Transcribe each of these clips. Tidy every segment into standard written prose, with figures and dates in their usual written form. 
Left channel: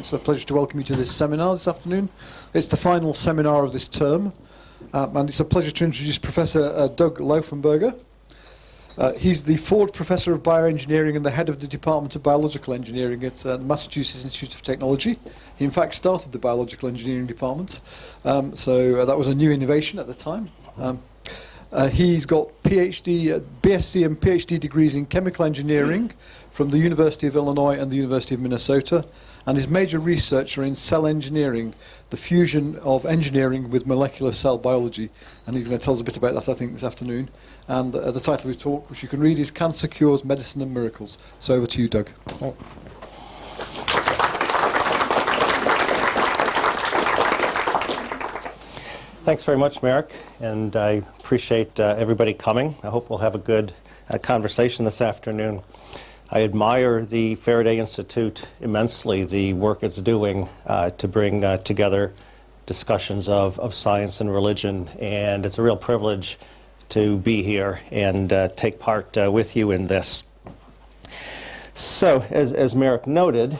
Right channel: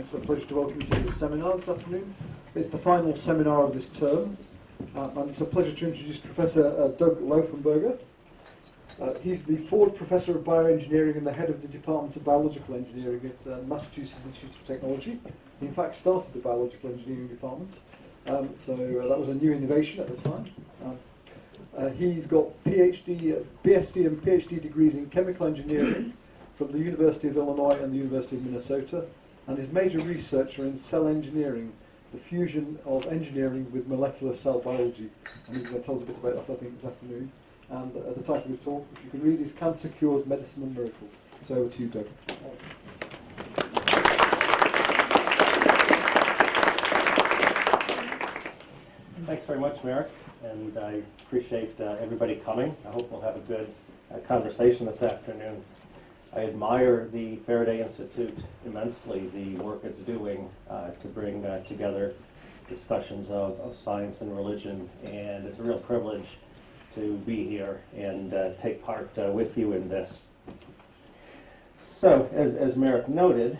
It's a pleasure to welcome you to this seminar this afternoon. It's the final seminar of this term, and it's a pleasure to introduce Professor Doug Lauffenberger. He's the Ford Professor of Bioengineering and the head of the Department of Biological Engineering at Massachusetts Institute of Technology. He in fact started the Biological Engineering Department, so that was a new innovation at the time. He's got PhD, BSc and PhD degrees in chemical engineering from the University of Illinois and the University of Minnesota, and his major research are in cell engineering, the fusion of engineering with molecular cell biology. And he's going to tell us a bit about that, I think, this afternoon. And the title of his talk, which you can read, is Cancer Cures, Medicine and Miracles. So over to you, Doug. Oh. Thanks very much, Merrick, and I appreciate everybody coming. I hope we'll have a good conversation this afternoon. I admire the Faraday Institute immensely, the work it's doing to bring together discussions of science and religion, and it's a real privilege to be here and take part with you in this. So, as Merrick noted,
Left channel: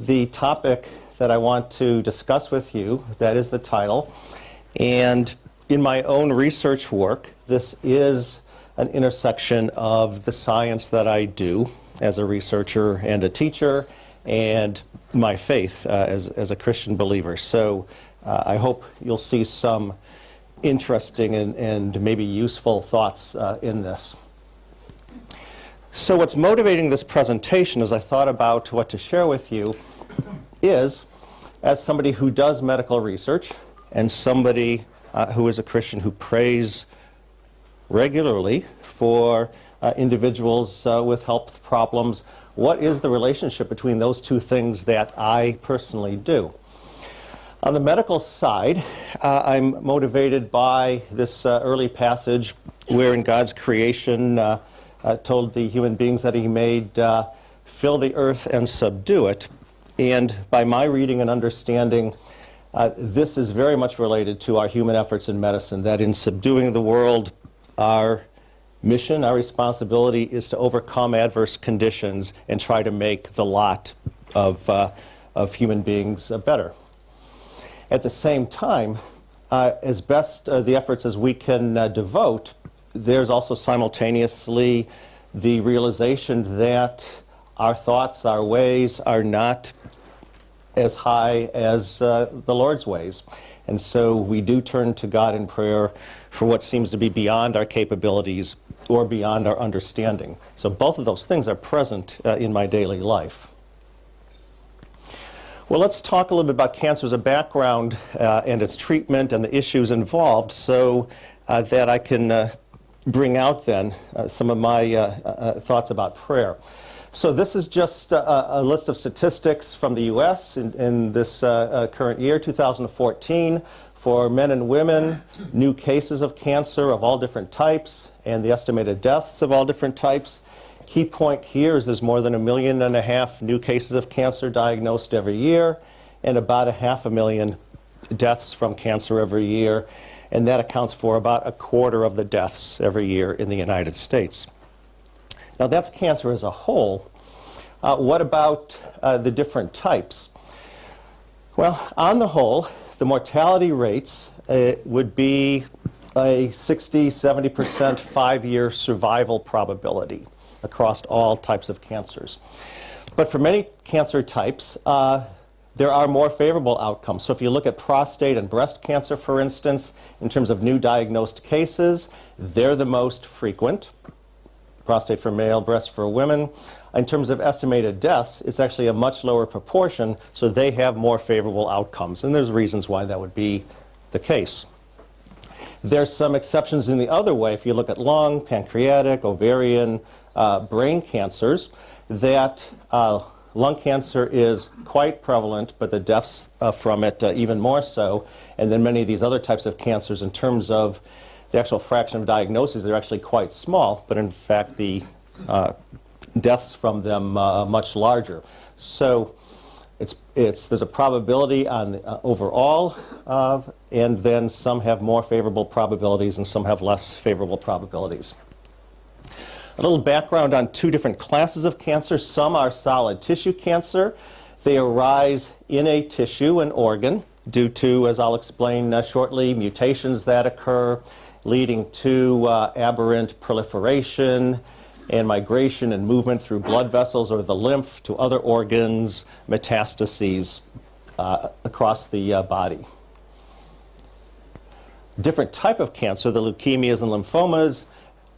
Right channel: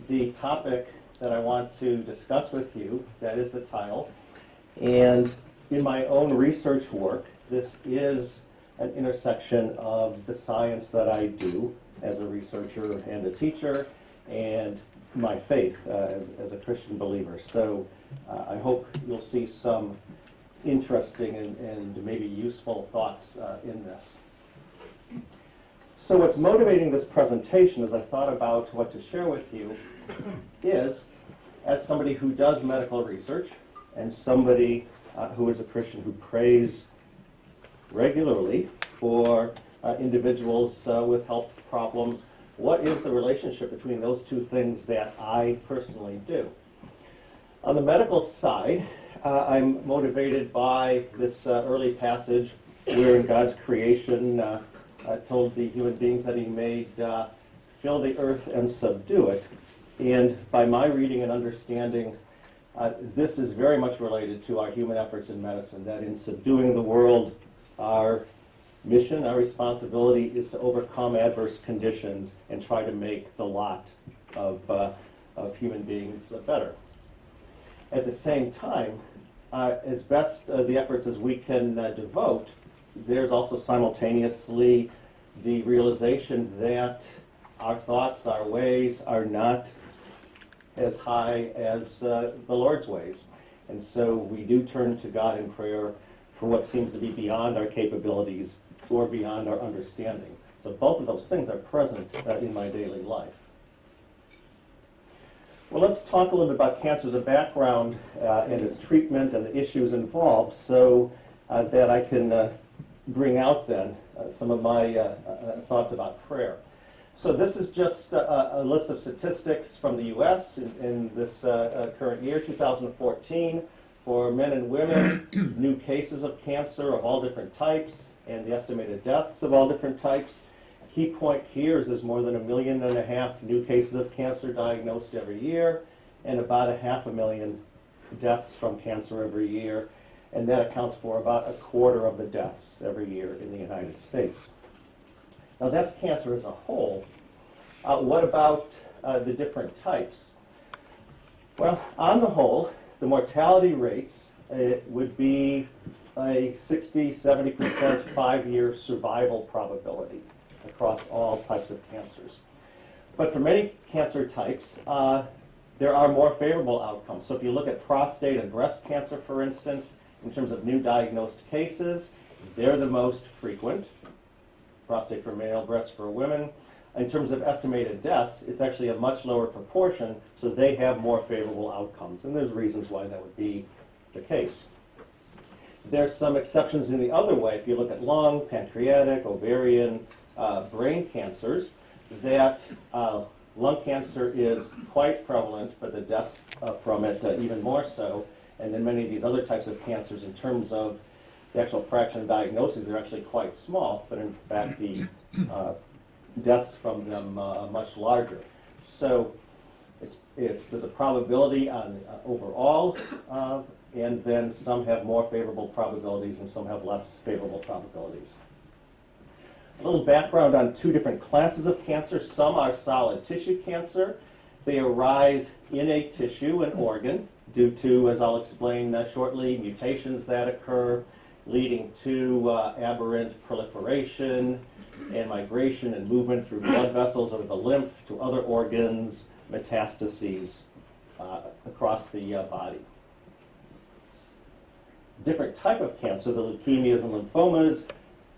the topic that I want to discuss with you, that is the title, and in my own research work, this is an intersection of the science that I do as a researcher and a teacher, and my faith as a Christian believer. So I hope you'll see some interesting and maybe useful thoughts in this. So what's motivating this presentation as I thought about what to share with you is, as somebody who does medical research and somebody who is a Christian who prays regularly for individuals with health problems, what is the relationship between those two things that I personally do? On the medical side, I'm motivated by this early passage where in God's creation told the human beings that he made, fill the earth and subdue it. And by my reading and understanding, this is very much related to our human efforts in medicine, that in subduing the world, our mission, our responsibility is to overcome adverse conditions and try to make the lot of human beings better. At the same time, as best the efforts as we can devote, there's also simultaneously the realization that our thoughts, our ways are not as high as the Lord's ways. And so we do turn to God in prayer for what seems to be beyond our capabilities or beyond our understanding. So both of those things are present in my daily life. Well, let's talk a little bit about cancer as a background and its treatment and the issues involved so that I can bring out then some of my thoughts about prayer. So this is just a list of statistics from the U.S. in this current year, 2014, for men and women, new cases of cancer of all different types, and the estimated deaths of all different types. Key point here is there's more than 1.5 million new cases of cancer diagnosed every year, and about 500,000 deaths from cancer every year, and that accounts for about 1/4 of the deaths every year in the United States. Now that's cancer as a whole. What about the different types? Well, on the whole, the mortality rates would be a 60–70% 5-year survival probability across all types of cancers. But for many cancer types, there are more favorable outcomes. So if you look at prostate and breast cancer, for instance, in terms of new diagnosed cases, they're the most frequent. Prostate for male, breast for women. In terms of estimated deaths, it's actually a much lower proportion, so they have more favorable outcomes. And there's reasons why that would be the case. There's some exceptions in the other way. If you look at lung, pancreatic, ovarian, brain cancers, that lung cancer is quite prevalent, but the deaths from it even more so. And then many of these other types of cancers, in terms of the actual fraction of diagnoses, they're actually quite small, but in fact the deaths from them much larger. So there's a probability on the, overall, and then some have more favorable probabilities and some have less favorable probabilities. A little background on two different classes of cancer. Some are solid tissue cancer, They arise in a tissue, an organ, due to, as I'll explain shortly, mutations that occur, leading to aberrant proliferation and migration and movement through blood vessels or the lymph to other organs, metastases across the body. Different type of cancer, the leukemias and lymphomas,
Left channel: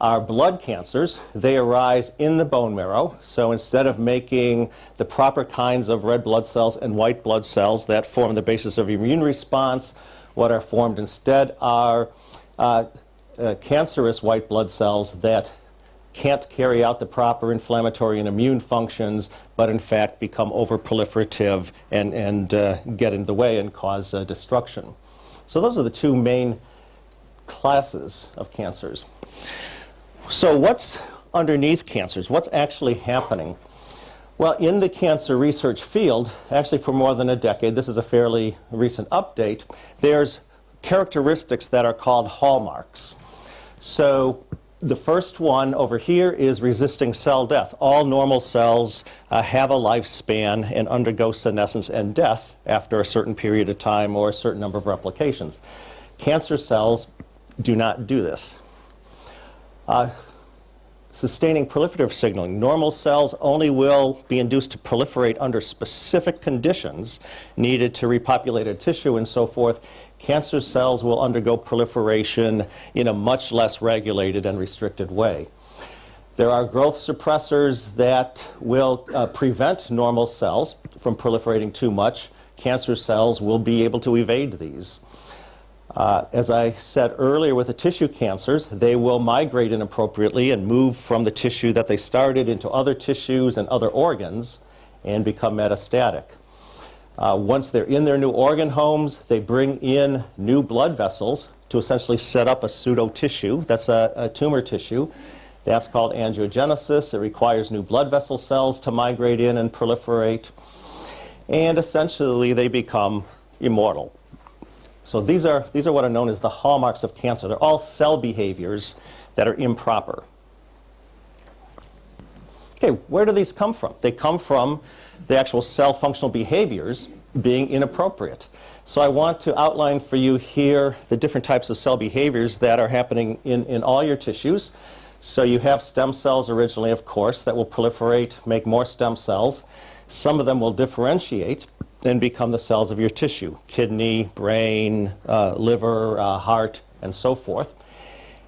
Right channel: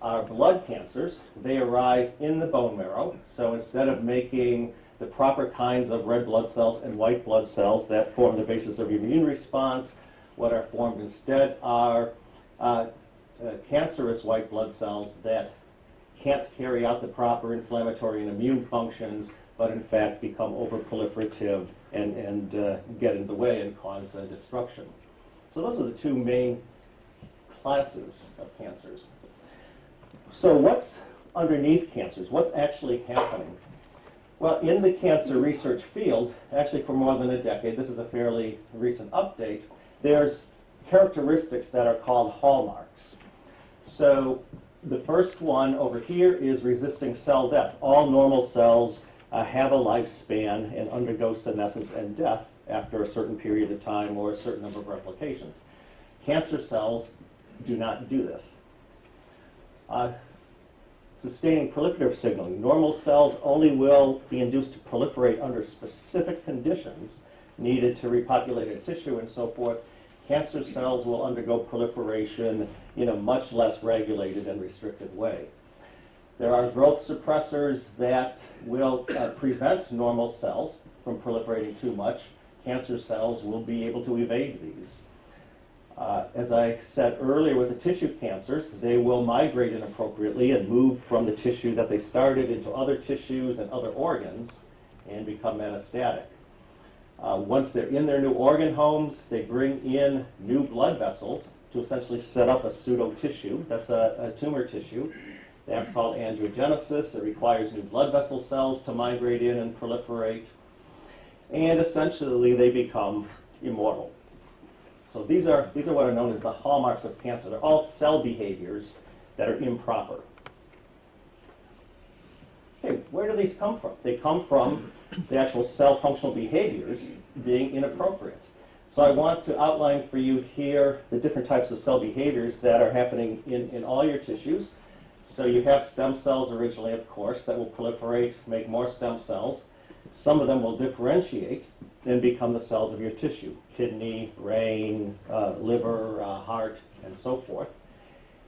are blood cancers. They arise in the bone marrow. So instead of making the proper kinds of red blood cells and white blood cells that form the basis of immune response, what are formed instead are cancerous white blood cells that can't carry out the proper inflammatory and immune functions, but in fact become overproliferative and get in the way and cause destruction. So those are the two main classes of cancers. So what's underneath cancers? What's actually happening? Well, in the cancer research field, actually for more than a decade, this is a fairly recent update, there's characteristics that are called hallmarks. So the first one over here is resisting cell death. All normal cells have a lifespan and undergo senescence and death after a certain period of time or a certain number of replications. Cancer cells do not do this. Sustaining proliferative signaling. Normal cells only will be induced to proliferate under specific conditions needed to repopulate a tissue and so forth. Cancer cells will undergo proliferation in a much less regulated and restricted way. There are growth suppressors that will prevent normal cells from proliferating too much. Cancer cells will be able to evade these. As I said earlier with the tissue cancers, they will migrate inappropriately and move from the tissue that they started into other tissues and other organs and become metastatic. Once they're in their new organ homes, they bring in new blood vessels to essentially set up a pseudo-tissue. That's a tumor tissue. That's called angiogenesis. It requires new blood vessel cells to migrate in and proliferate. And essentially, they become immortal. So these are what are known as the hallmarks of cancer. They're all cell behaviors that are improper. Okay, where do these come from? They come from the actual cell functional behaviors being inappropriate. So I want to outline for you here the different types of cell behaviors that are happening in all your tissues. So you have stem cells originally, of course, that will proliferate, make more stem cells. Some of them will differentiate and become the cells of your tissue, kidney, brain, liver, heart, and so forth.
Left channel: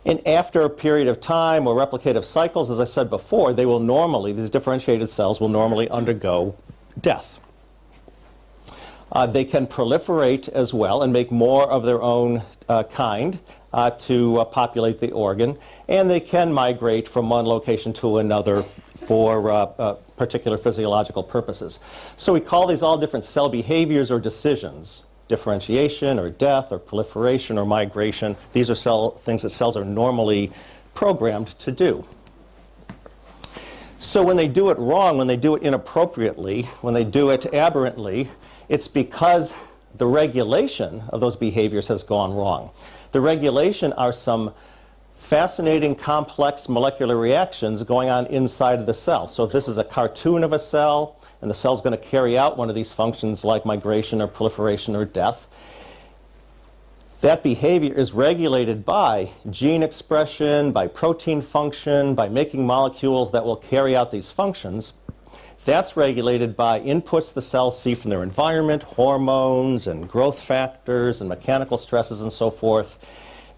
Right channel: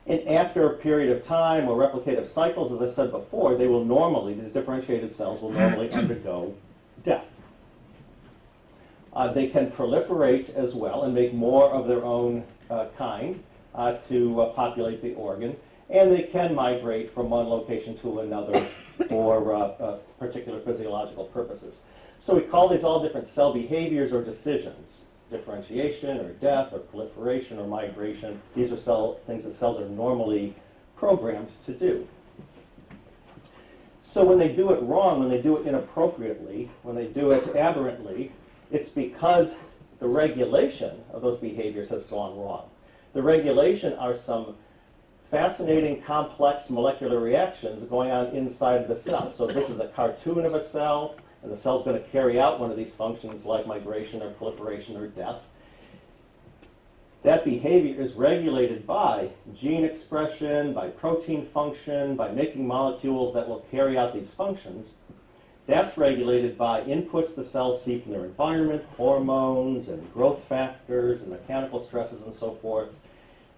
And after a period of time or replicative cycles, as I said before, they will normally, these differentiated cells will normally undergo death. They can proliferate as well and make more of their own kind to populate the organ, and they can migrate from one location to another for particular physiological purposes. So we call these all different cell behaviors or decisions. Differentiation or death or proliferation or migration. These are things that cells are normally programmed to do. So when they do it wrong, when they do it inappropriately, when they do it aberrantly, it's because the regulation of those behaviors has gone wrong. The regulation are some fascinating, complex molecular reactions going on inside of the cell. So if this is a cartoon of a cell, and the cell's going to carry out one of these functions like migration or proliferation or death, that behavior is regulated by gene expression, by protein function, by making molecules that will carry out these functions. That's regulated by inputs the cells see from their environment, hormones and growth factors and mechanical stresses and so forth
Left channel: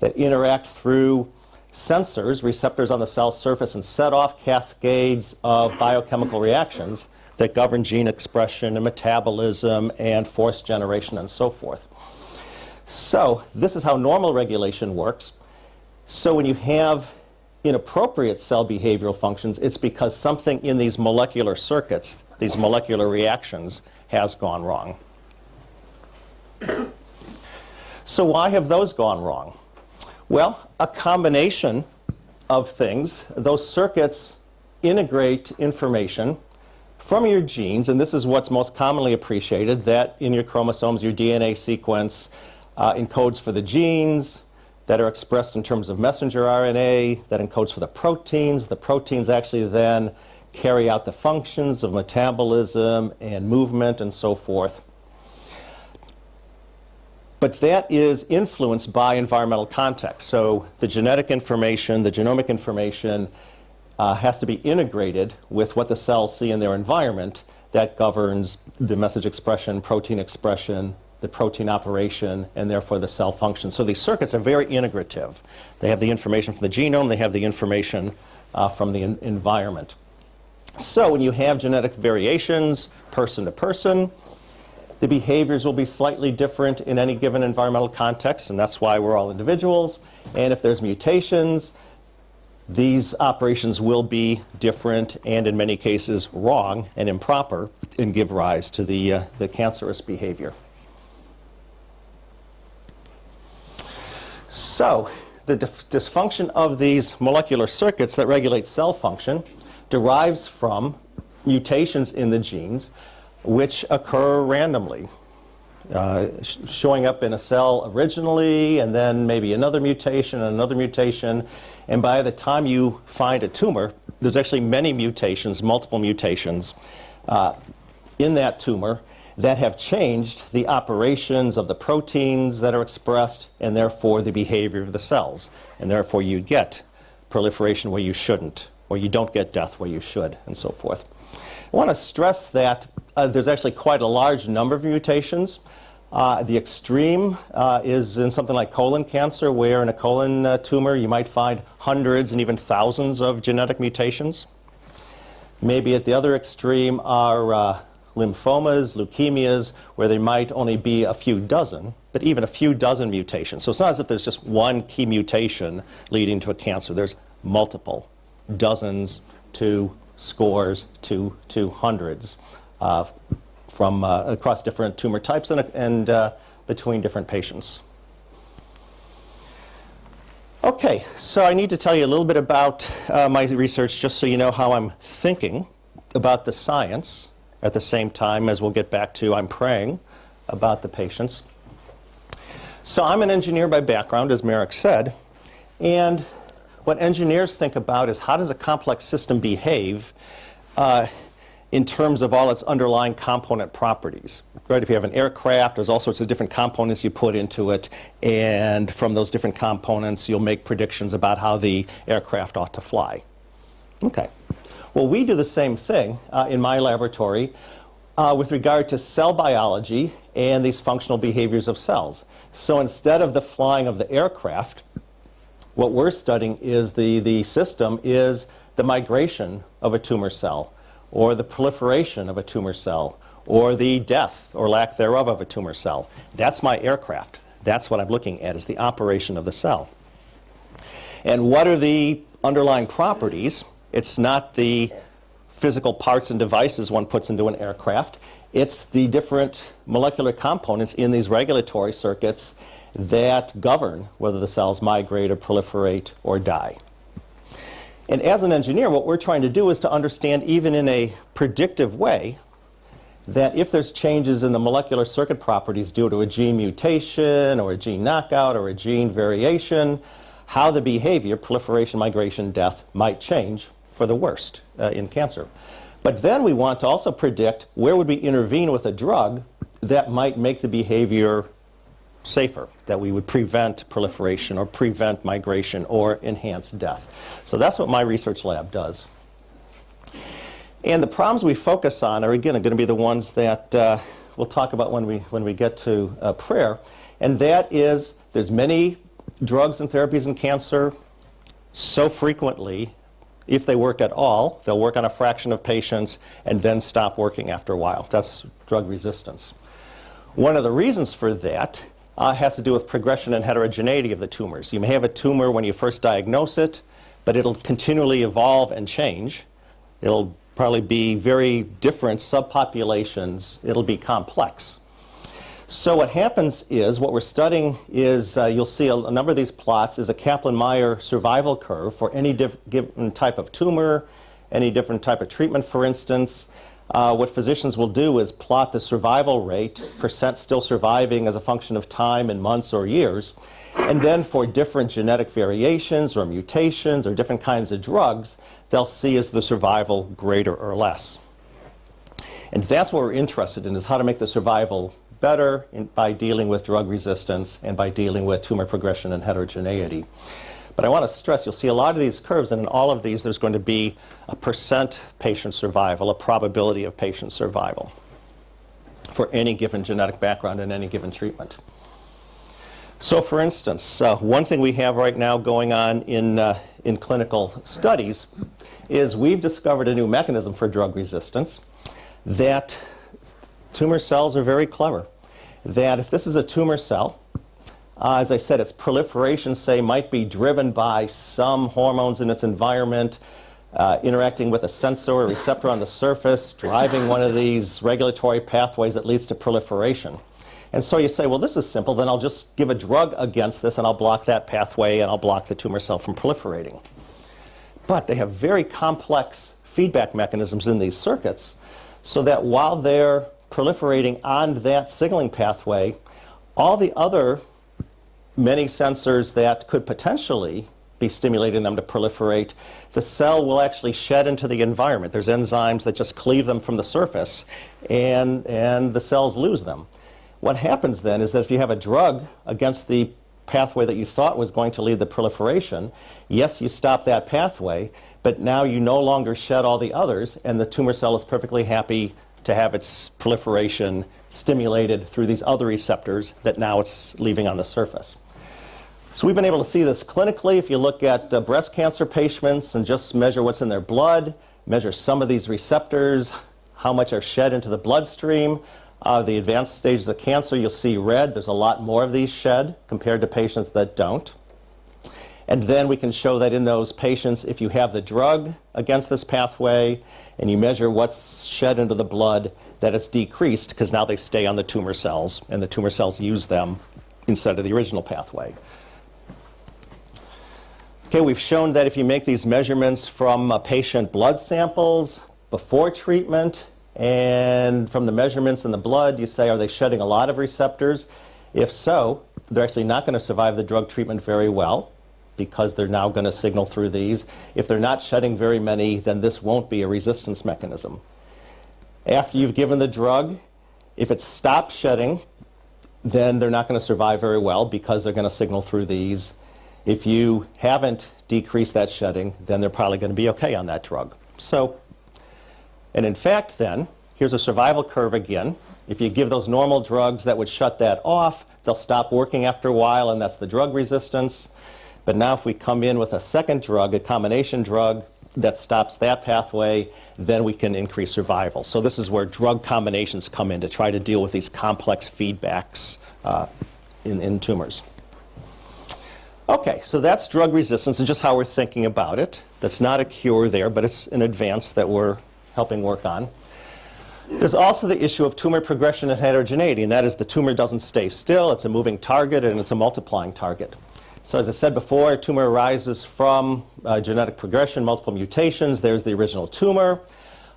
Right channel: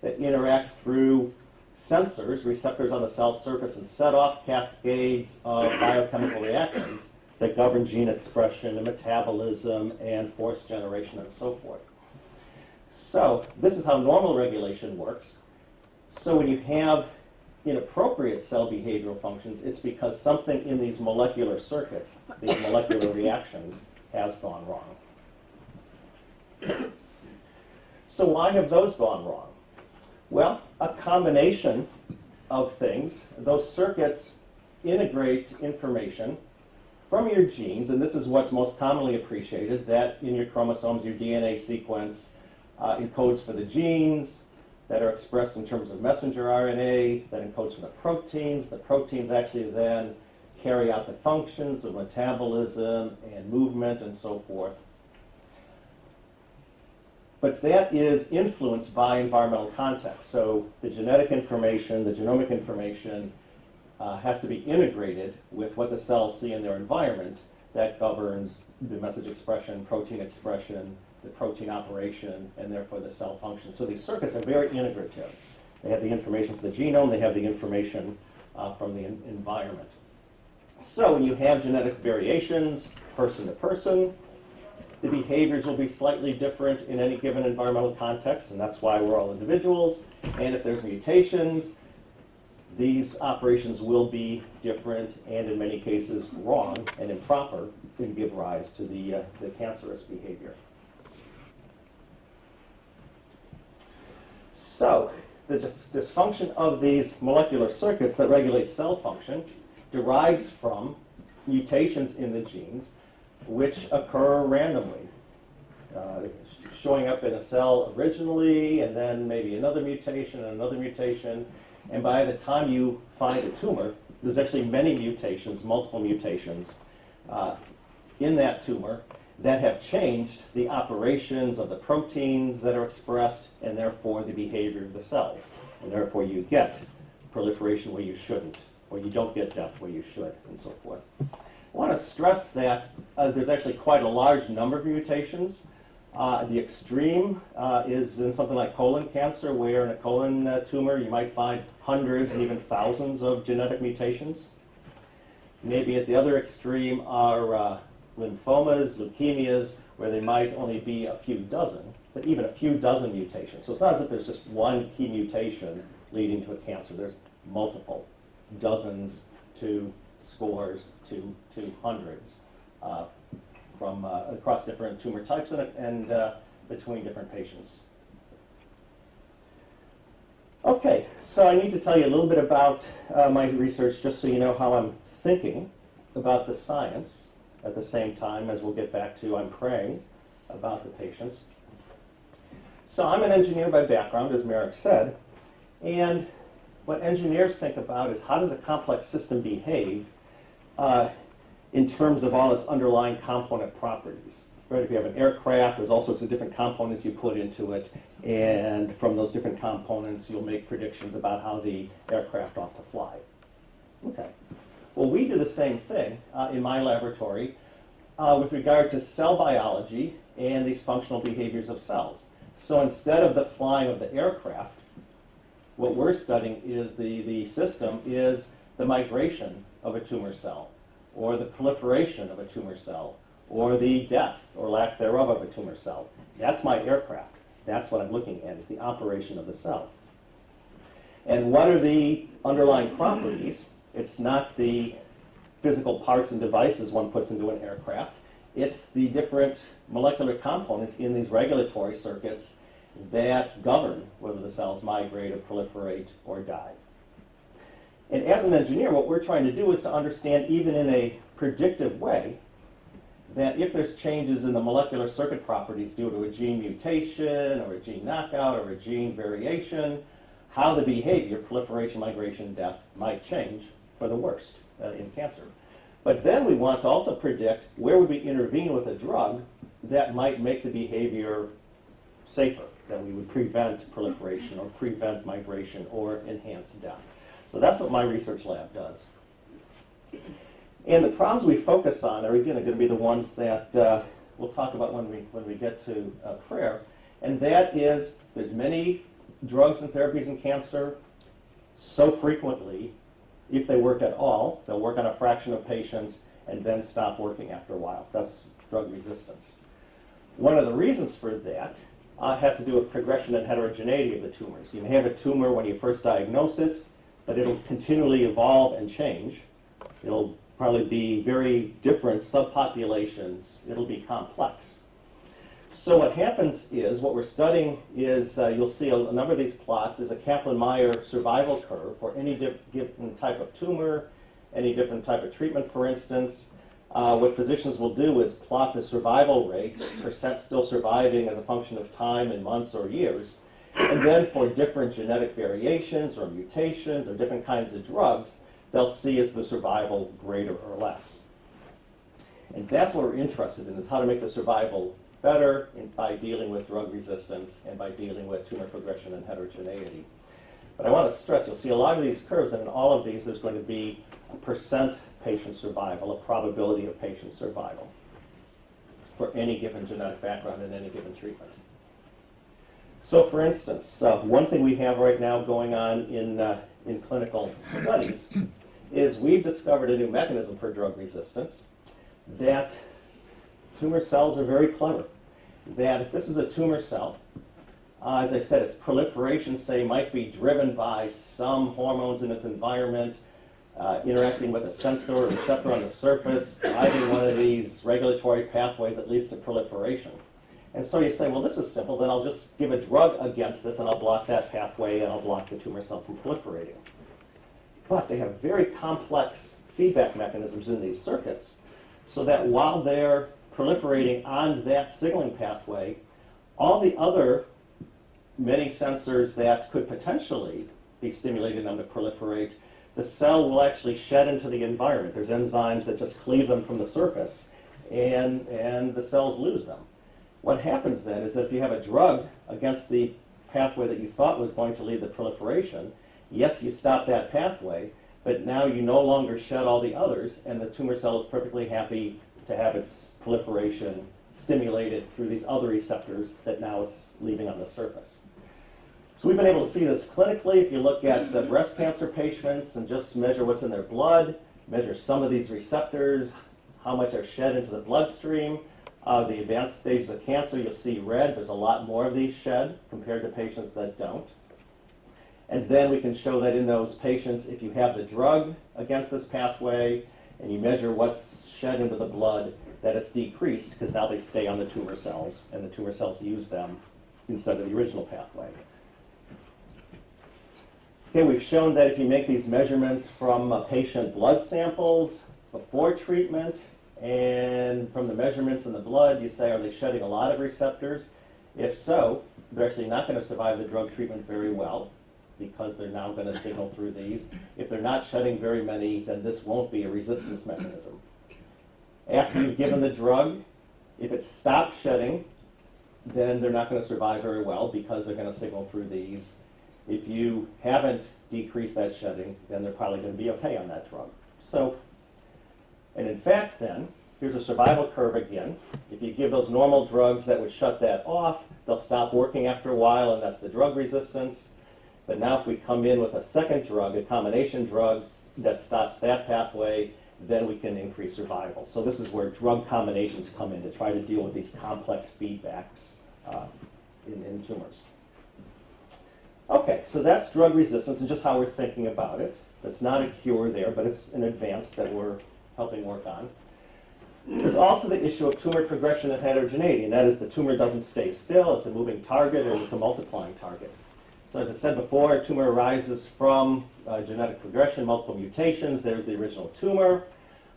that interact through sensors, receptors on the cell surface, and set off cascades of biochemical reactions that govern gene expression and metabolism and force generation and so forth. So this is how normal regulation works. So when you have inappropriate cell behavioral functions, it's because something in these molecular circuits, these molecular reactions, has gone wrong. So why have those gone wrong? Well, a combination of things. Those circuits integrate information from your genes, and this is what's most commonly appreciated, that in your chromosomes, your DNA sequence encodes for the genes that are expressed in terms of messenger RNA, that encodes for the proteins. The proteins actually then carry out the functions of metabolism and movement and so forth. But that is influenced by environmental context. So the genetic information, the genomic information has to be integrated with what the cells see in their environment. That governs the message expression, protein expression, the protein operation, and therefore the cell function. So these circuits are very integrative. They have the information from the genome, they have the information from the environment. So when you have genetic variations, person to person, the behaviors will be slightly different in any given environmental context, and that's why we're all individuals. And if there's mutations, these operations will be different and in many cases wrong and improper and give rise to the cancerous behavior. So the dysfunction of these molecular circuits that regulate cell function derives from mutations in the genes which occur randomly, showing up in a cell originally, and then maybe another mutation and another mutation. And by the time you find a tumor, there's actually many mutations, multiple mutations in that tumor that have changed the operations of the proteins that are expressed and therefore the behavior of the cells. And therefore you get proliferation where you shouldn't, or you don't get death where you should, and so forth. I want to stress that there's actually quite a large number of mutations. The extreme is in something like colon cancer, where in a colon tumor you might find hundreds and even thousands of genetic mutations. Maybe at the other extreme are lymphomas, leukemias, where there might only be a few dozen, but even a few dozen mutations. So it's not as if there's just one key mutation leading to a cancer. There's multiple, dozens to scores to hundreds from across different tumor types and between different patients. Okay, so I need to tell you a little bit about my research just so you know how I'm thinking about the science at the same time as we'll get back to I'm praying about the patients. So I'm an engineer by background, as Merrick said, and what engineers think about is how does a complex system behave in terms of all its underlying component properties. Right? If you have an aircraft, there's all sorts of different components you put into it, and from those different components you'll make predictions about how the aircraft ought to fly. Okay. Well, we do the same thing in my laboratory with regard to cell biology and these functional behaviors of cells. So instead of the flying of the aircraft, what we're studying is the system is the migration of a tumor cell, or the proliferation of a tumor cell, or the death or lack thereof of a tumor cell. That's my aircraft. That's what I'm looking at, is the operation of the cell. And what are the underlying properties? It's not the physical parts and devices one puts into an aircraft. It's the different molecular components in these regulatory circuits that govern whether the cells migrate or proliferate or die. And as an engineer, what we're trying to do is to understand, even in a predictive way, that if there's changes in the molecular circuit properties due to a gene mutation or a gene knockout or a gene variation, how the behavior, proliferation, migration, death, might change for the worst in cancer. But then we want to also predict where would we intervene with a drug that might make the behavior safer, that we would prevent proliferation or prevent migration or enhance death. So that's what my research lab does. And the problems we focus on are, again, going to be the ones that we'll talk about when we get to prayer. And that is, there's many drugs and therapies in cancer. So frequently, if they work at all, they'll work on a fraction of patients and then stop working after a while. That's drug resistance. One of the reasons for that has to do with progression and heterogeneity of the tumors. You may have a tumor when you first diagnose it, but it'll continually evolve and change. It'll probably be very different subpopulations. It'll be complex. So what happens is, what we're studying is, you'll see a number of these plots, is a Kaplan-Meier survival curve for any given type of tumor, any different type of treatment, for instance. What physicians will do is plot the survival rate, percent still surviving as a function of time in months or years, and then for different genetic variations or mutations or different kinds of drugs, they'll see is the survival greater or less. And that's what we're interested in, is how to make the survival better by dealing with drug resistance and by dealing with tumor progression and heterogeneity. But I want to stress, you'll see a lot of these curves, and in all of these there's going to be a percent patient survival, a probability of patient survival for any given genetic background and any given treatment. So for instance, one thing we have right now going on in clinical studies is we've discovered a new mechanism for drug resistance, that tumor cells are very clever. That if this is a tumor cell, as I said, its proliferation, say, might be driven by some hormones in its environment, interacting with a sensor or receptor on the surface, driving one of these regulatory pathways that leads to proliferation. And so you say, well, this is simple, then I'll just give a drug against this and I'll block that pathway and I'll block the tumor cell from proliferating. But they have very complex feedback mechanisms in these circuits, so that while they're proliferating on that signaling pathway, all the other many sensors that could potentially be stimulating them to proliferate, the cell will actually shed into the environment. There's enzymes that just cleave them from the surface, and the cells lose them. What happens then is that if you have a drug against the pathway that you thought was going to lead the proliferation, yes, you stop that pathway, but now you no longer shed all the others, and the tumor cell is perfectly happy to have its proliferation stimulated through these other receptors that now it's leaving on the surface. So we've been able to see this clinically. If you look at breast cancer patients and just measure what's in their blood, measure some of these receptors, how much are shed into the bloodstream. The advanced stages of cancer, you'll see red. There's a lot more of these shed compared to patients that don't. And then we can show that in those patients, if you have the drug against this pathway and you measure what's shed into the blood, that it's decreased because now they stay on the tumor cells and the tumor cells use them instead of the original pathway. Okay, we've shown that if you make these measurements from patient blood samples before treatment and from the measurements in the blood, you say, are they shedding a lot of receptors? If so, they're actually not going to survive the drug treatment very well, because they're now going to signal through these. If they're not shedding very many, then this won't be a resistance mechanism. After you've given the drug, if it stops shedding, then they're not going to survive very well because they're going to signal through these. If you haven't decreased that shedding, then they're probably going to be okay on that drug. So, and in fact then, here's a survival curve again. If you give those normal drugs that would shut that off, they'll stop working after a while, and that's the drug resistance. But now if we come in with a second drug, a combination drug that stops that pathway, then we can increase survival. So this is where drug combinations come in to try to deal with these complex feedbacks in tumors. Okay, so that's drug resistance and just how we're thinking about it. That's not a cure there, but it's an advance that we're helping work on. There's also the issue of tumor progression and heterogeneity, and that is the tumor doesn't stay still. It's a moving target, and it's a multiplying target. So as I said before, a tumor arises from genetic progression, multiple mutations. There's the original tumor.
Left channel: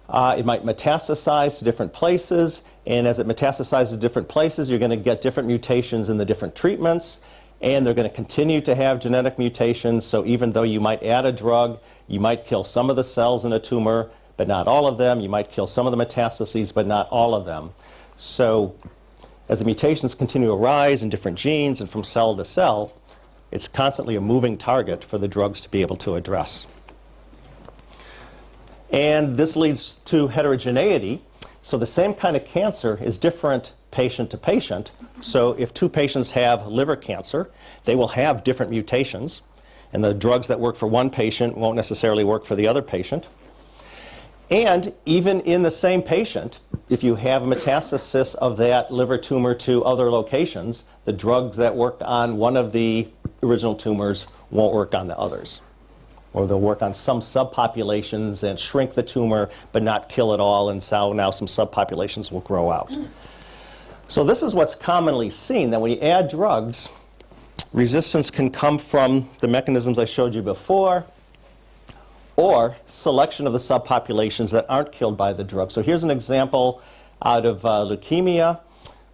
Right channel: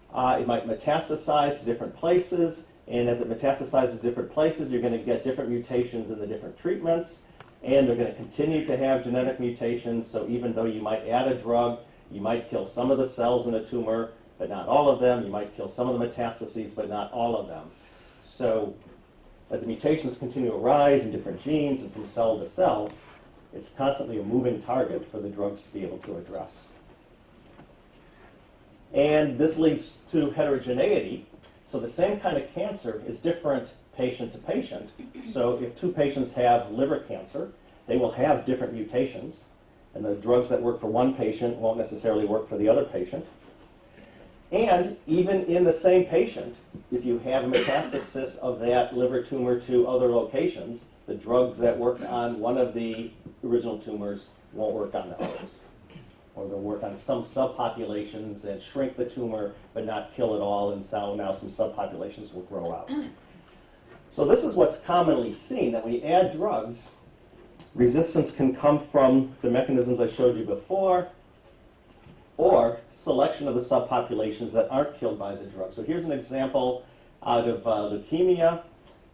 It might metastasize to different places, and as it metastasizes to different places, you're going to get different mutations in the different treatments, and they're going to continue to have genetic mutations. So even though you might add a drug, you might kill some of the cells in a tumor, but not all of them. You might kill some of the metastases, but not all of them. So as the mutations continue to arise in different genes and from cell to cell, it's constantly a moving target for the drugs to be able to address. And this leads to heterogeneity. So the same kind of cancer is different patient to patient. So if two patients have liver cancer, they will have different mutations, and the drugs that work for one patient won't necessarily work for the other patient. And even in the same patient, if you have metastasis of that liver tumor to other locations, the drugs that work on one of the original tumors won't work on the others. Or they'll work on some subpopulations and shrink the tumor, but not kill it all, and so now some subpopulations will grow out. So this is what's commonly seen, that when you add drugs, resistance can come from the mechanisms I showed you before, or selection of the subpopulations that aren't killed by the drug. So here's an example out of leukemia,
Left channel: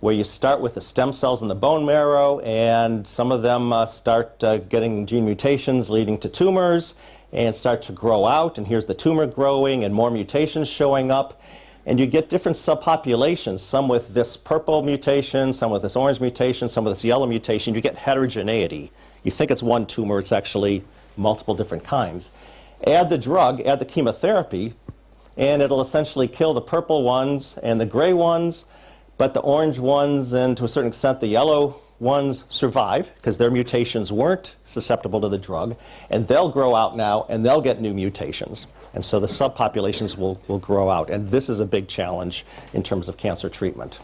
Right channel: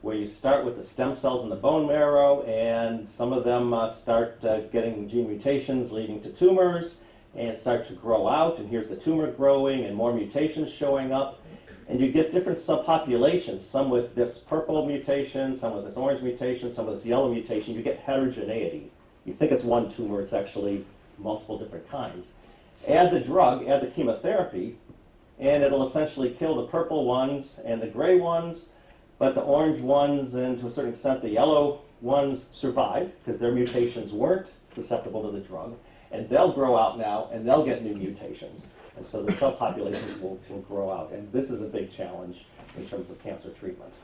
where you start with the stem cells in the bone marrow, and some of them start getting gene mutations leading to tumors, and start to grow out, and here's the tumor growing and more mutations showing up. And you get different subpopulations, some with this purple mutation, some with this orange mutation, some with this yellow mutation. You get heterogeneity. You think it's one tumor, it's actually multiple different kinds. Add the drug, add the chemotherapy, and it'll essentially kill the purple ones and the gray ones, but the orange ones and to a certain extent the yellow ones survive because their mutations weren't susceptible to the drug, and they'll grow out now and they'll get new mutations. And so the subpopulations will grow out, and this is a big challenge in terms of cancer treatment.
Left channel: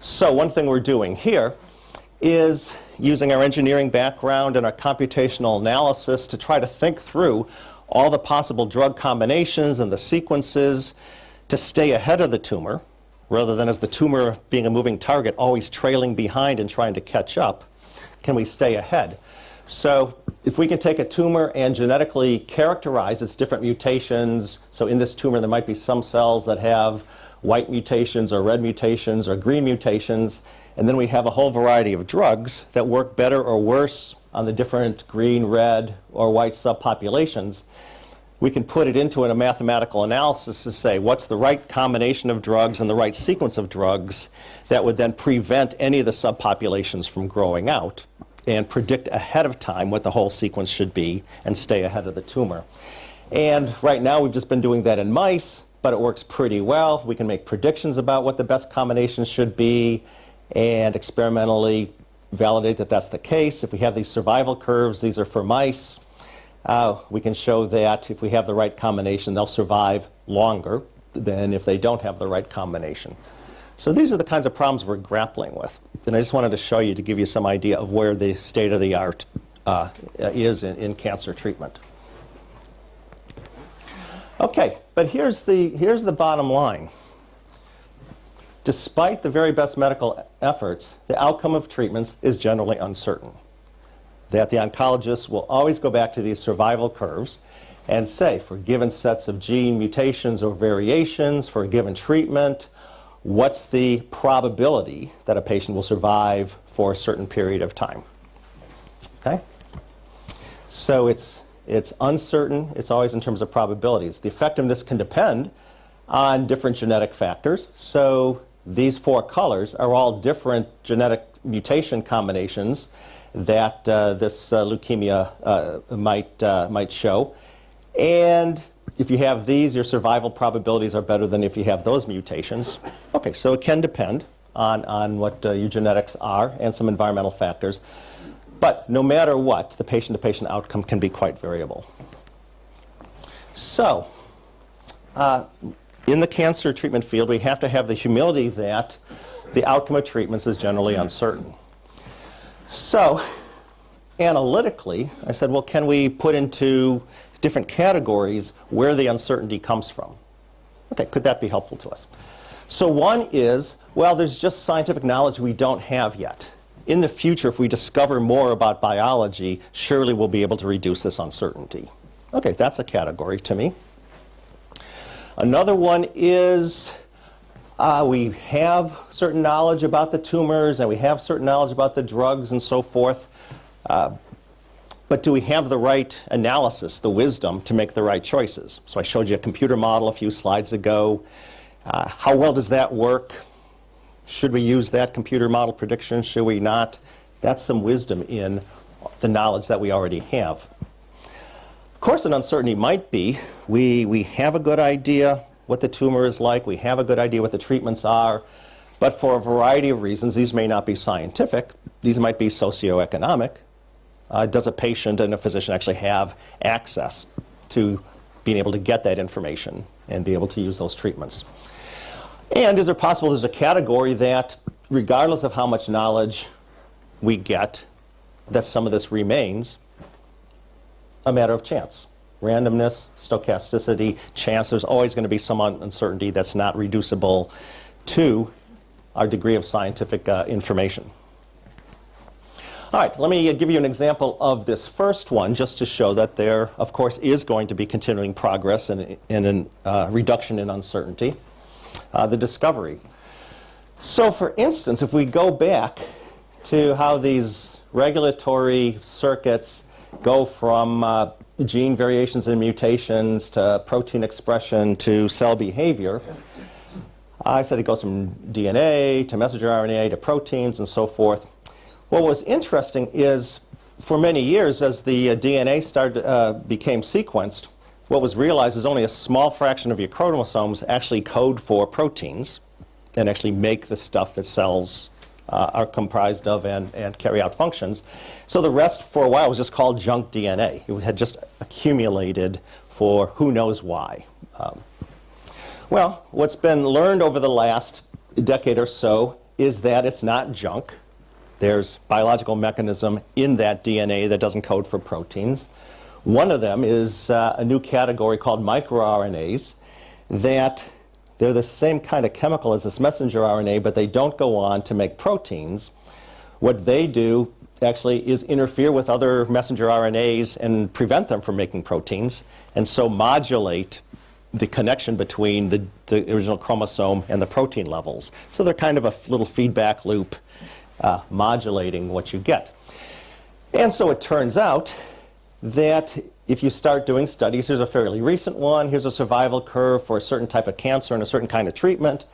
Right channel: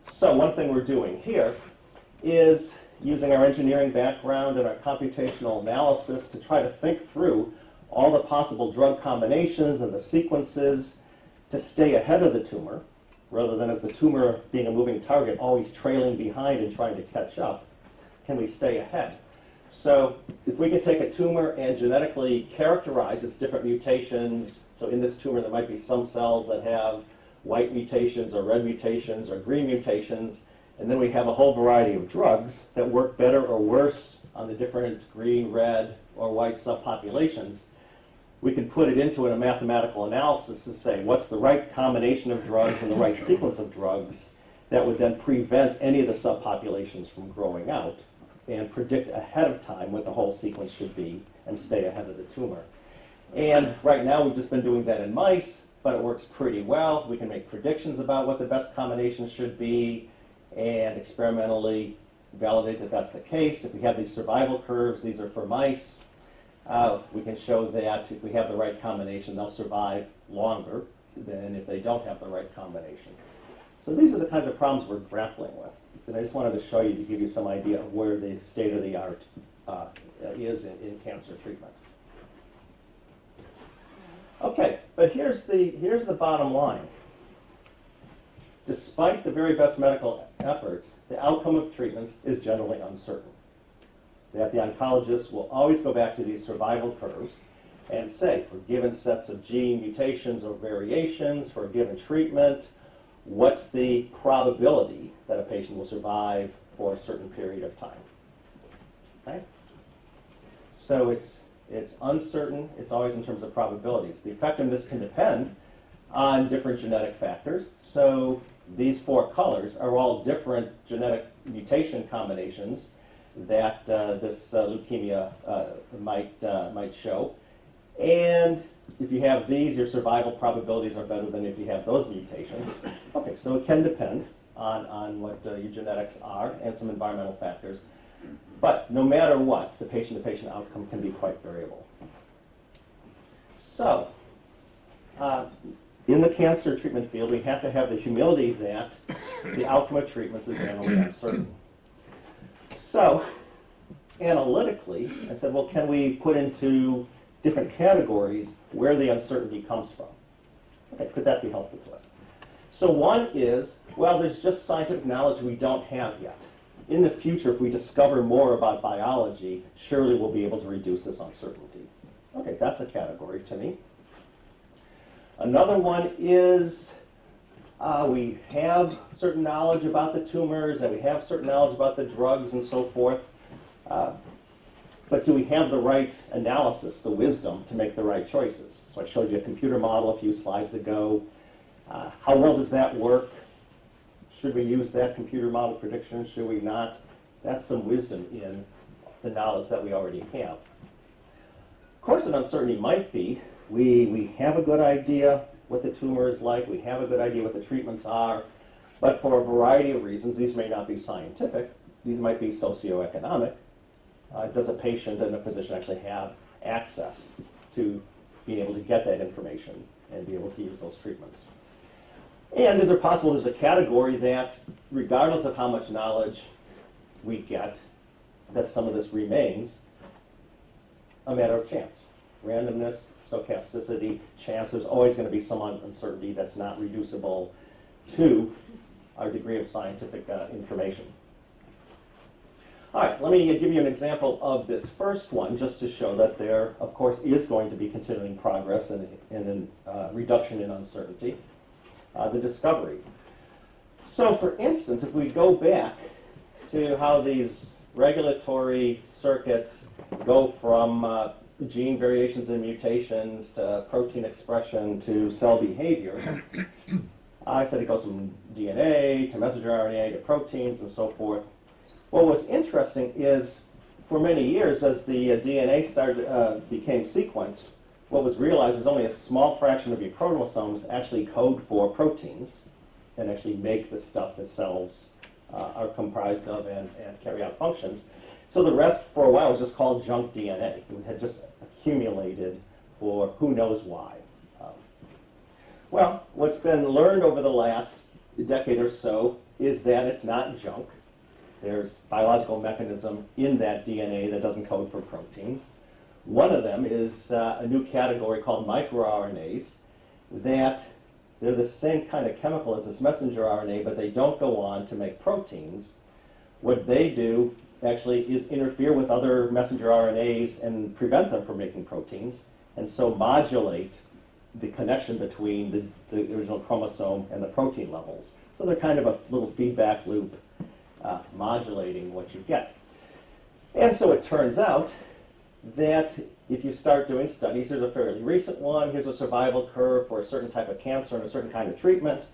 So one thing we're doing here is using our engineering background and our computational analysis to try to think through all the possible drug combinations and the sequences to stay ahead of the tumor, rather than as the tumor being a moving target, always trailing behind and trying to catch up. Can we stay ahead? So if we can take a tumor and genetically characterize its different mutations, so in this tumor there might be some cells that have white mutations or red mutations or green mutations, and then we have a whole variety of drugs that work better or worse on the different green, red, or white subpopulations. We can put it into a mathematical analysis to say what's the right combination of drugs and the right sequence of drugs that would then prevent any of the subpopulations from growing out and predict ahead of time what the whole sequence should be and stay ahead of the tumor. And right now we've just been doing that in mice, but it works pretty well. We can make predictions about what the best combinations should be and experimentally validate that that's the case. If we have these survival curves, these are for mice, we can show that if we have the right combination, they'll survive longer than if they don't have the right combination. So these are the kinds of problems we're grappling with. And I just wanted to show you to give you some idea of where the state of the art is in cancer treatment. Okay, but here's the bottom line. Despite the very best medical efforts, the outcome of treatments is generally uncertain. That the oncologists will always go back to these survival curves and say, for given sets of gene mutations or variations, for a given treatment, what's the probability that a patient will survive for a certain period of time? Okay? So it's uncertain. It's always in terms of probabilities. The effectiveness can depend on different genetic factors. So these four colors are all different genetic mutation combinations that this leukemia might show. And if you have these, your survival probabilities are better than if you have those mutations. Okay, so it can depend on what your genetics are and some environmental factors. But no matter what, the patient-to-patient outcome can be quite variable. So, in the cancer treatment field, we have to have the humility that the outcome of treatments is generally uncertain. So, analytically, I said, well, can we put into different categories where the uncertainty comes from? Okay, could that be helpful to us? So one is, well, there's just scientific knowledge we don't have yet. In the future, if we discover more about biology, surely we'll be able to reduce this uncertainty. Okay, that's a category to me. Another one is we have certain knowledge about the tumors and we have certain knowledge about the drugs and so forth. But do we have the right analysis, the wisdom to make the right choices? So I showed you a computer model a few slides ago. How well does that work? Should we use that computer model prediction? Should we not? That's some wisdom in the knowledge that we already have. Of course, an uncertainty might be we have a good idea what the tumor is like, we have a good idea what the treatments are, but for a variety of reasons, these may not be scientific, these might be socioeconomic. Does a patient and a physician actually have access to being able to get that information and be able to use those treatments? And is it possible there's a category that, regardless of how much knowledge we get, that some of this remains a matter of chance? Randomness, stochasticity, chance. There's always going to be some uncertainty that's not reducible to our degree of scientific information. All right, let me give you an example of this first one just to show that there, of course, is going to be continuing progress and a reduction in uncertainty. The discovery. So for instance, if we go back to how these regulatory circuits go from gene variations and mutations to protein expression to cell behavior. I said it goes from DNA to messenger RNA to proteins and so forth. What was interesting is, for many years, as the DNA became sequenced, what was realized is only a small fraction of your chromosomes actually code for proteins and actually make the stuff that cells are comprised of and carry out functions. So the rest, for a while, was just called junk DNA. It had just accumulated for who knows why. Well, what's been learned over the last decade or so is that it's not junk. There's biological mechanism in that DNA that doesn't code for proteins. One of them is a new category called microRNAs, that they're the same kind of chemical as this messenger RNA, but they don't go on to make proteins. What they do actually is interfere with other messenger RNAs and prevent them from making proteins, and so modulate the connection between the original chromosome and the protein levels. So they're kind of a little feedback loop modulating what you get. And so it turns out that if you start doing studies, here's a fairly recent one, here's a survival curve for a certain type of cancer and a certain kind of treatment,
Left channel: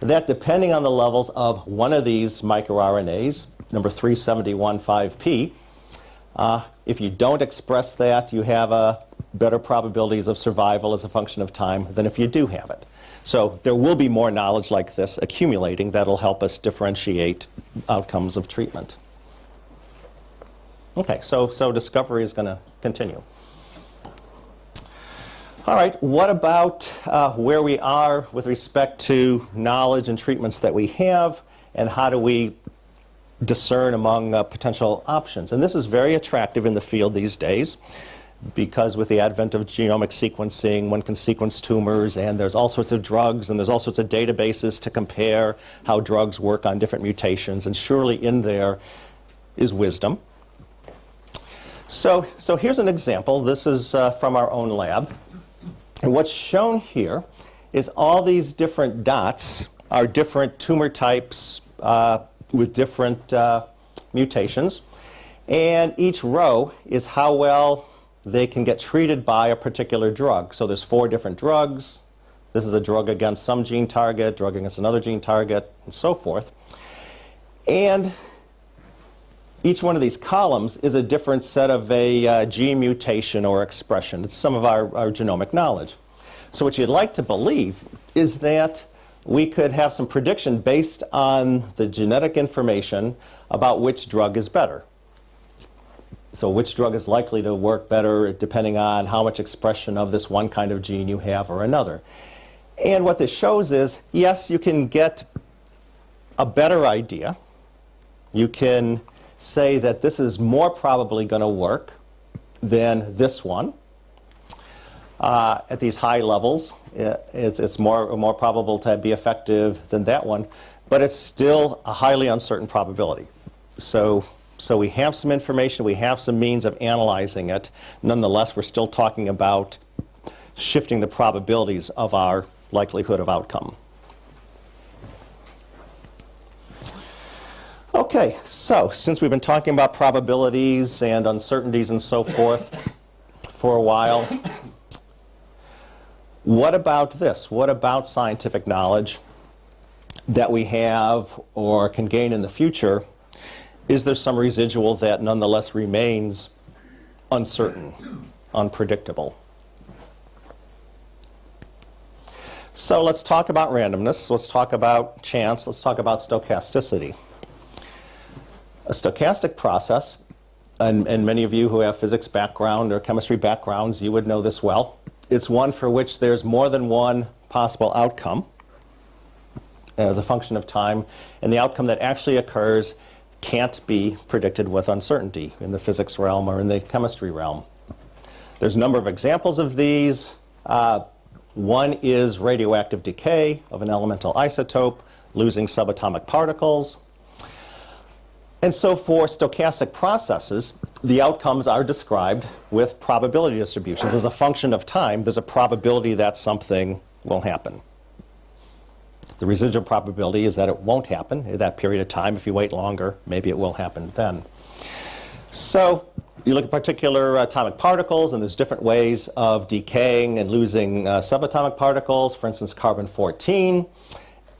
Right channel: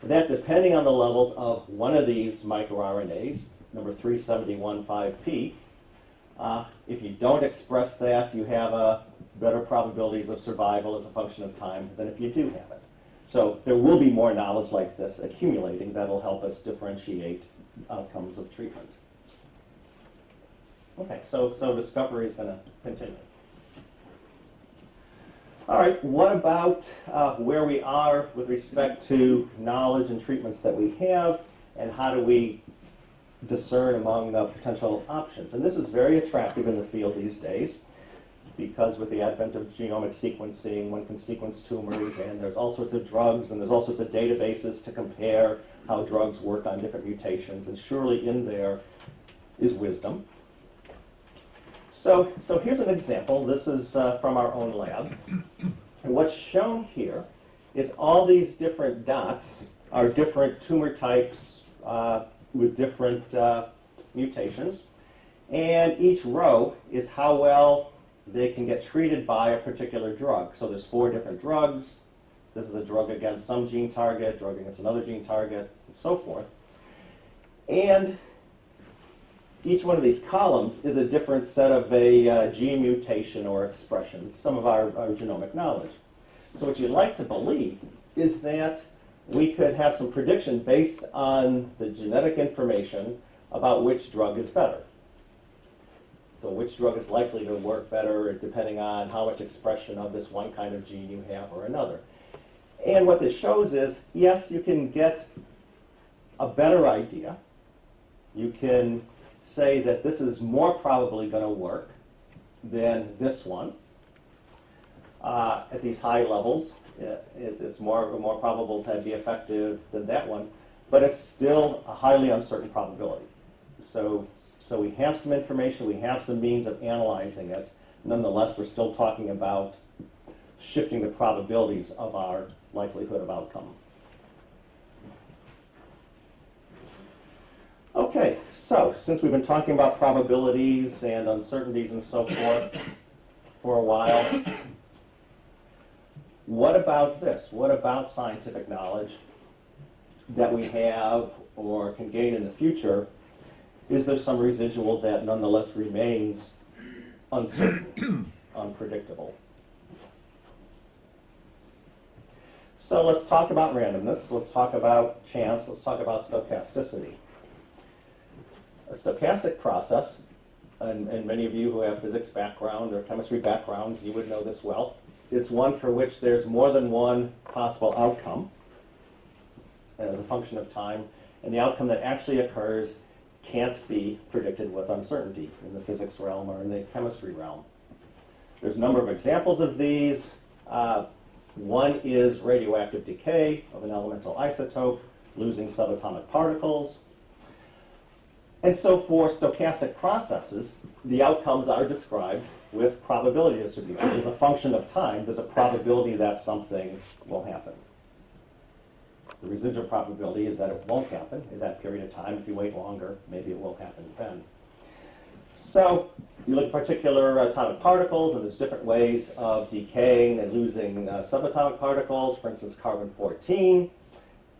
that depending on the levels of one of these microRNAs, number 371.5p, if you don't express that, you have better probabilities of survival as a function of time than if you do have it. So there will be more knowledge like this accumulating that'll help us differentiate outcomes of treatment. Okay, so discovery is going to continue. All right, what about where we are with respect to knowledge and treatments that we have, and how do we discern among potential options? And this is very attractive in the field these days, because with the advent of genomic sequencing, one can sequence tumors, and there's all sorts of drugs, and there's all sorts of databases to compare how drugs work on different mutations, and surely in there is wisdom. So here's an example. This is from our own lab. And what's shown here is all these different dots are different tumor types with different mutations. And each row is how well they can get treated by a particular drug. So there's 4 different drugs. This is a drug against some gene target, drug against another gene target, and so forth. And each one of these columns is a different set of a gene mutation or expression. It's some of our genomic knowledge. So what you'd like to believe is that we could have some prediction based on the genetic information about which drug is better. So which drug is likely to work better depending on how much expression of this one kind of gene you have or another. And what this shows is, yes, you can get a better idea. You can say that this is more probably going to work than this one. At these high levels, it's more probable to be effective than that one, but it's still a highly uncertain probability. So we have some information, we have some means of analyzing it. Nonetheless, we're still talking about shifting the probabilities of our likelihood of outcome. Okay, so since we've been talking about probabilities and uncertainties and so forth for a while, what about this? What about scientific knowledge that we have or can gain in the future? Is there some residual that nonetheless remains uncertain, unpredictable? So let's talk about randomness, let's talk about chance, let's talk about stochasticity. A stochastic process, and many of you who have physics background or chemistry backgrounds, you would know this well. It's one for which there's more than one possible outcome as a function of time, and the outcome that actually occurs can't be predicted with uncertainty in the physics realm or in the chemistry realm. There's a number of examples of these. One is radioactive decay of an elemental isotope, losing subatomic particles. And so for stochastic processes, the outcomes are described with probability distributions. As a function of time, there's a probability that something will happen. The residual probability is that it won't happen in that period of time. If you wait longer, maybe it will happen then. So you look at particular atomic particles, and there's different ways of decaying and losing subatomic particles. For instance, carbon-14,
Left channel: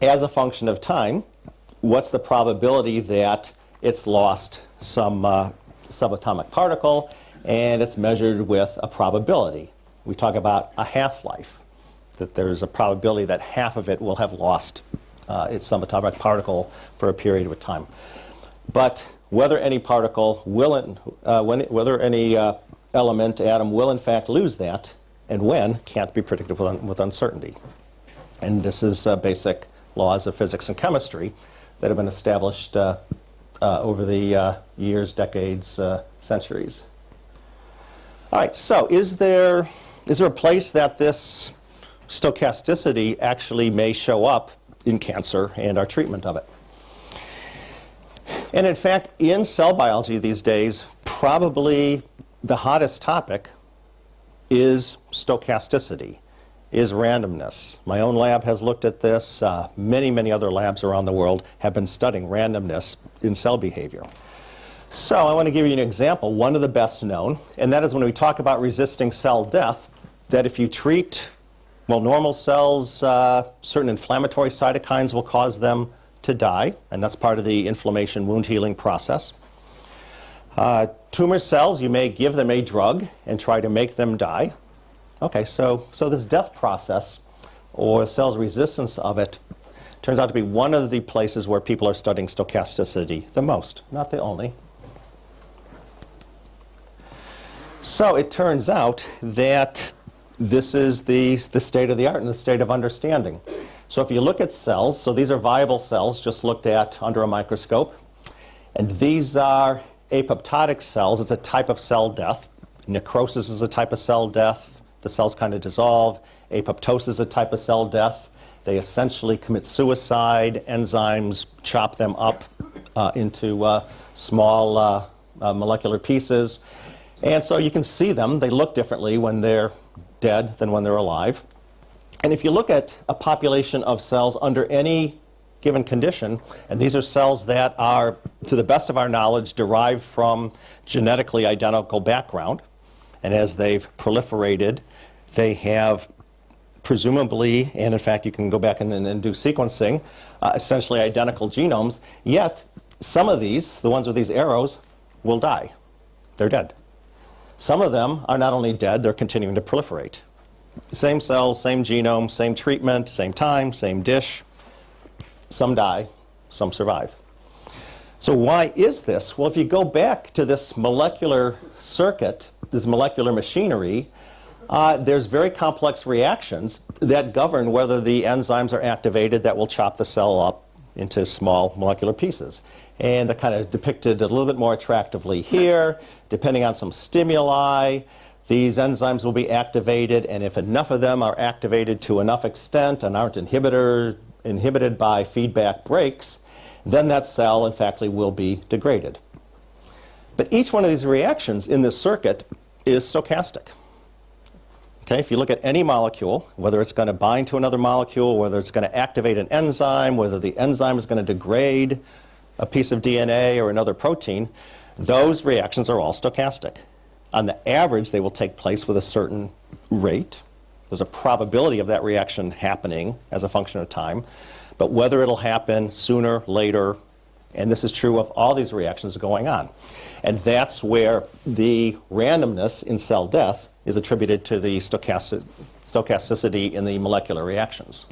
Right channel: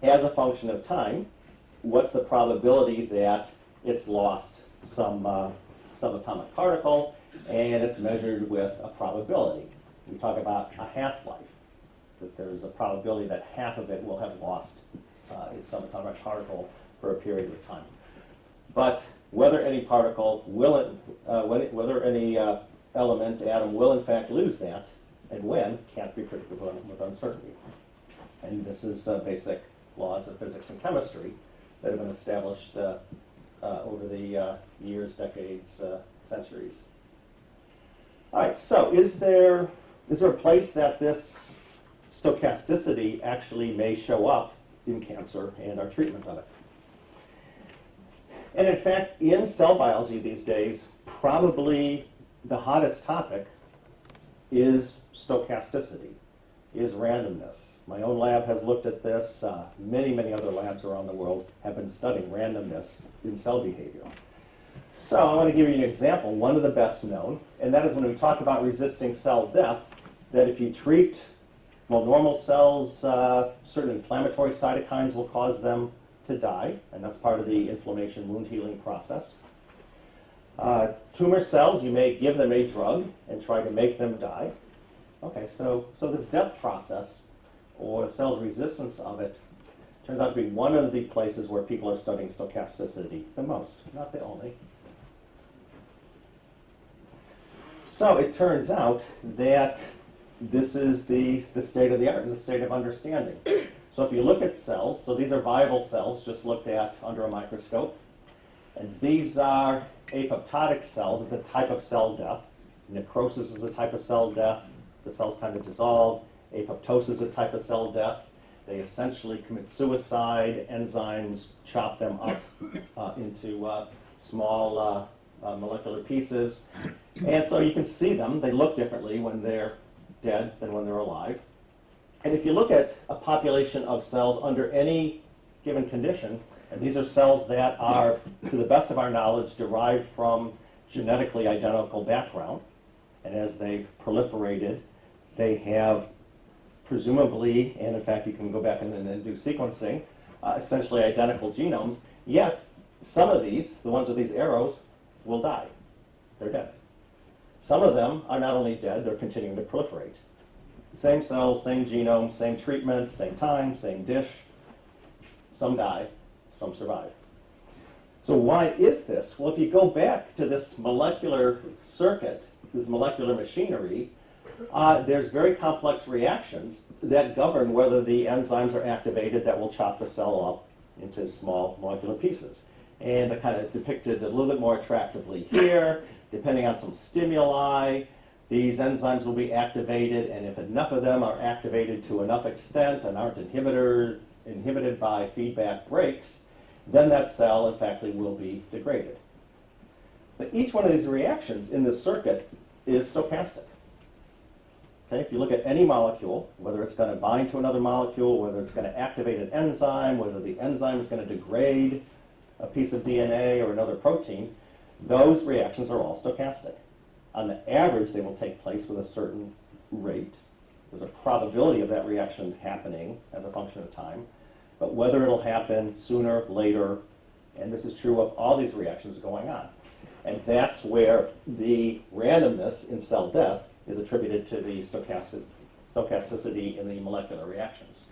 as a function of time, what's the probability that it's lost some subatomic particle? And it's measured with a probability. We talk about a half-life, that there's a probability that half of it will have lost its subatomic particle for a period of time. But whether any particle will, whether any element, atom, will in fact lose that, and when, can't be predicted with uncertainty. And this is basic laws of physics and chemistry that have been established over the years, decades, centuries. All right, so is there a place that this stochasticity actually may show up in cancer and our treatment of it? And in fact, in cell biology these days, probably the hottest topic is stochasticity, is randomness. My own lab has looked at this. Many other labs around the world have been studying randomness in cell behavior. So I want to give you an example, one of the best known, and that is when we talk about resisting cell death, that if you treat, well, normal cells, certain inflammatory cytokines will cause them to die, and that's part of the inflammation wound healing process. Tumor cells, you may give them a drug and try to make them die. Okay, so this death process, or cell's resistance of it, turns out to be one of the places where people are studying stochasticity the most, not the only. So it turns out that this is the state of the art and the state of understanding. So if you look at cells, so these are viable cells just looked at under a microscope, and these are apoptotic cells. It's a type of cell death. Necrosis is a type of cell death. The cells kind of dissolve. Apoptosis is a type of cell death. They essentially commit suicide. Enzymes chop them up into small molecular pieces. And so you can see them. They look differently when they're dead than when they're alive. And if you look at a population of cells under any given condition, and these are cells that are, to the best of our knowledge, derived from genetically identical background, and as they've proliferated, they have presumably, and in fact you can go back and do sequencing, essentially identical genomes, yet some of these, the ones with these arrows, will die. They're dead. Some of them are not only dead, they're continuing to proliferate. Same cells, same genome, same treatment, same time, same dish. Some die, some survive. So why is this? Well, if you go back to this molecular circuit, this molecular machinery, there's very complex reactions that govern whether the enzymes are activated that will chop the cell up into small molecular pieces. And they're kind of depicted a little bit more attractively here. Depending on some stimuli, these enzymes will be activated, and if enough of them are activated to enough extent and aren't inhibited by feedback breaks, then that cell, in fact, will be degraded. But each one of these reactions in this circuit is stochastic. Okay, if you look at any molecule, whether it's going to bind to another molecule, whether it's going to activate an enzyme, whether the enzyme is going to degrade a piece of DNA or another protein, those reactions are all stochastic. On the average, they will take place with a certain rate. There's a probability of that reaction happening as a function of time. But whether it'll happen sooner, later, and this is true of all these reactions going on. And that's where the randomness in cell death is attributed to the stochasticity in the molecular reactions.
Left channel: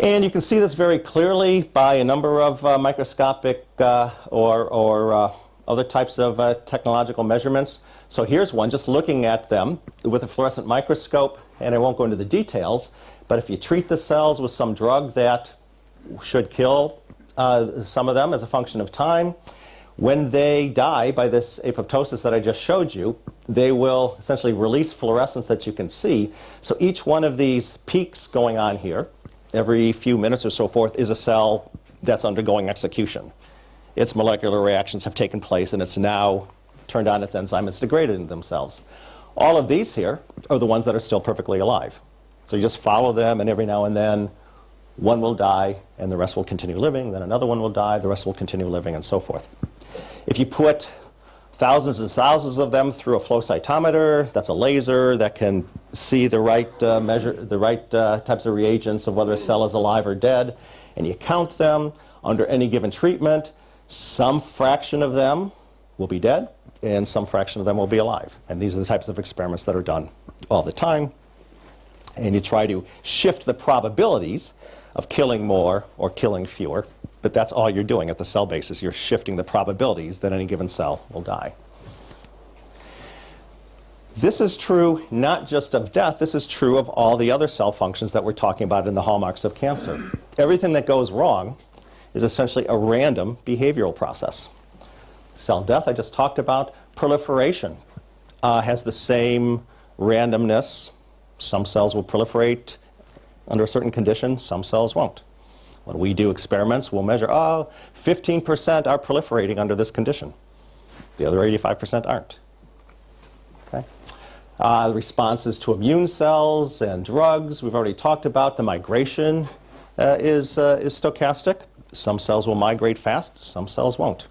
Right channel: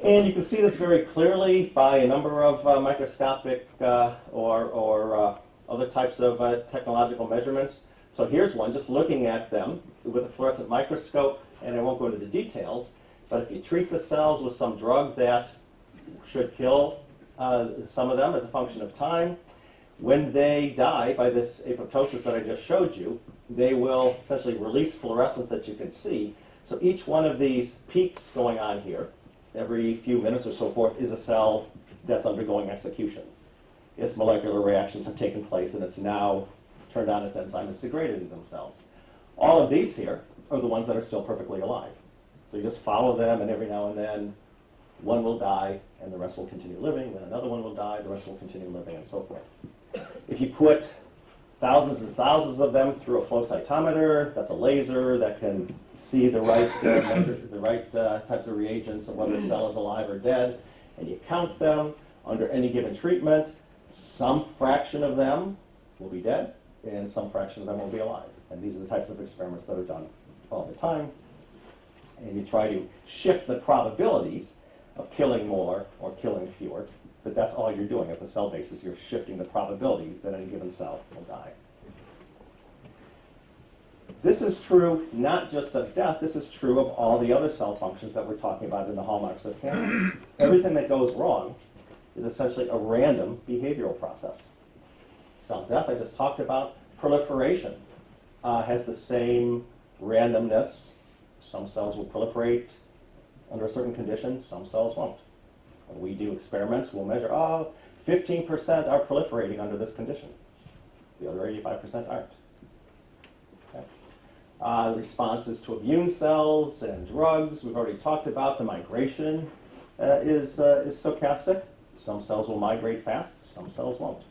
And you can see this very clearly by a number of microscopic or other types of technological measurements. So here's one, just looking at them with a fluorescent microscope, and I won't go into the details, but if you treat the cells with some drug that should kill some of them as a function of time, when they die by this apoptosis that I just showed you, they will essentially release fluorescence that you can see. So each one of these peaks going on here, every few minutes or so forth, is a cell that's undergoing execution. Its molecular reactions have taken place, and it's now turned on its enzyme. It's degraded themselves. All of these here are the ones that are still perfectly alive. So you just follow them, and every now and then one will die, and the rest will continue living. Then another one will die, the rest will continue living, and so forth. If you put thousands and thousands of them through a flow cytometer. That's a laser that can see the right types of reagents of whether a cell is alive or dead, and you count them under any given treatment. Some fraction of them will be dead, and some fraction of them will be alive. And these are the types of experiments that are done all the time. And you try to shift the probabilities of killing more or killing fewer, but that's all you're doing at the cell basis. You're shifting the probabilities that any given cell will die. This is true not just of death, this is true of all the other cell functions that we're talking about in the hallmarks of cancer. Everything that goes wrong is essentially a random behavioral process. Cell death, I just talked about. Proliferation has the same randomness. Some cells will proliferate under a certain condition, some cells won't. When we do experiments, we'll measure, 15% are proliferating under this condition. The other 85% aren't. Okay? Responses to immune cells and drugs, we've already talked about. The migration is stochastic. Some cells will migrate fast, some cells won't.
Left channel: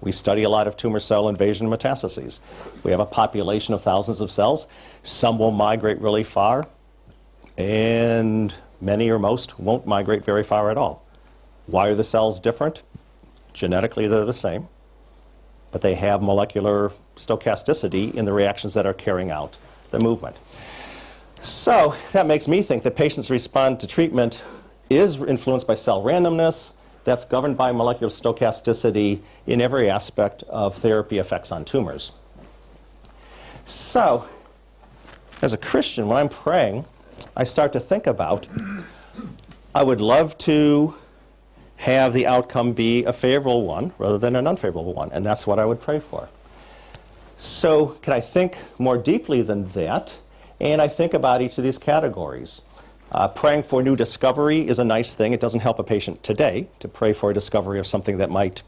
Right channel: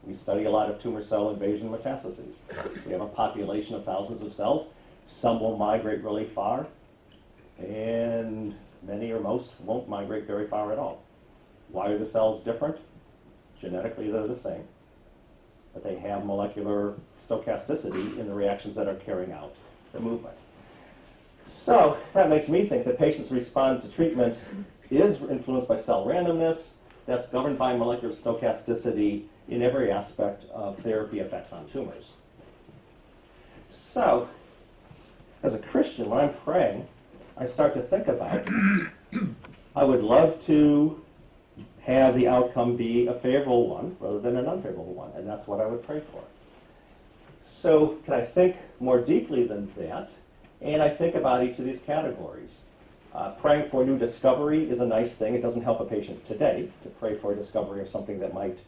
We study a lot of tumor cell invasion metastases. We have a population of thousands of cells. Some will migrate really far, and many or most won't migrate very far at all. Why are the cells different? Genetically, they're the same, but they have molecular stochasticity in the reactions that are carrying out the movement. So that makes me think that patients respond to treatment is influenced by cell randomness. That's governed by molecular stochasticity in every aspect of therapy effects on tumors. So, as a Christian, when I'm praying, I start to think about, I would love to have the outcome be a favorable one rather than an unfavorable one, and that's what I would pray for. So, can I think more deeply than that? And I think about each of these categories. Praying for new discovery is a nice thing. It doesn't help a patient today to pray for a discovery of something that might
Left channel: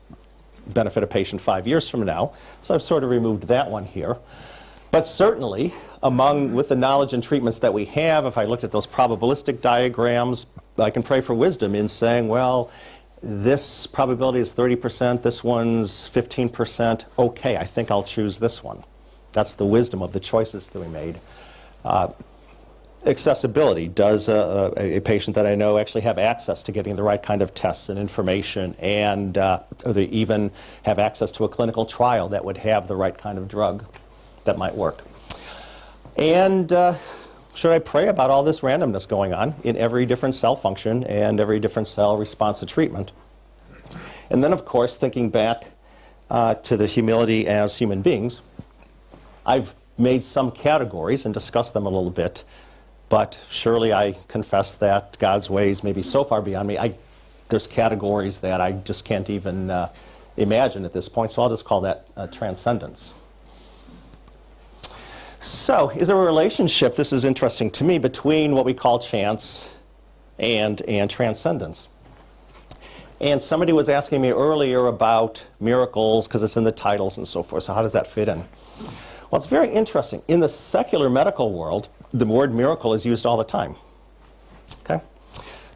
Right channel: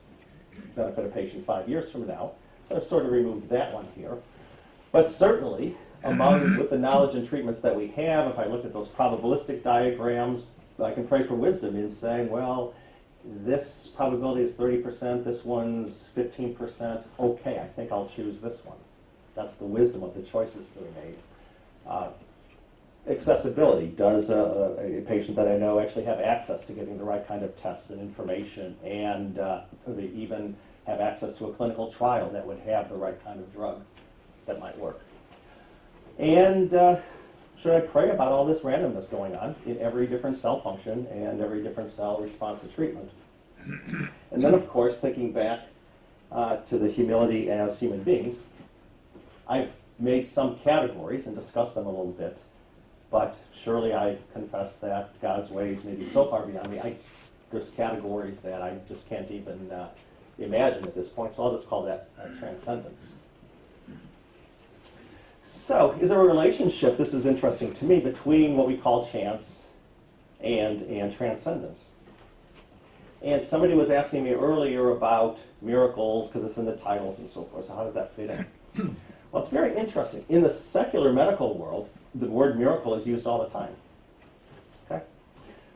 benefit a patient 5 years from now. So I've sort of removed that one here. But certainly, with the knowledge and treatments that we have, if I looked at those probabilistic diagrams, I can pray for wisdom in saying, well, this probability is 30%, this one's 15%. Okay, I think I'll choose this one. That's the wisdom of the choices that we made. Accessibility. Does a patient that I know actually have access to getting the right kind of tests and information, and or they even have access to a clinical trial that would have the right kind of drug that might work? And should I pray about all this randomness going on in every different cell function and every different cell response to treatment? And then, of course, thinking back to the humility as human beings, I've made some categories and discussed them a little bit. But surely I confess that God's ways may be so far beyond me. There's categories that I just can't even imagine at this point, so I'll just call that transcendence. So, is there a relationship, this is interesting to me, between what we call chance and transcendence? And somebody was asking me earlier about miracles, because it's in the titles and so forth, so how does that fit in? Well, it's very interesting. In the secular medical world, the word miracle is used all the time. Okay?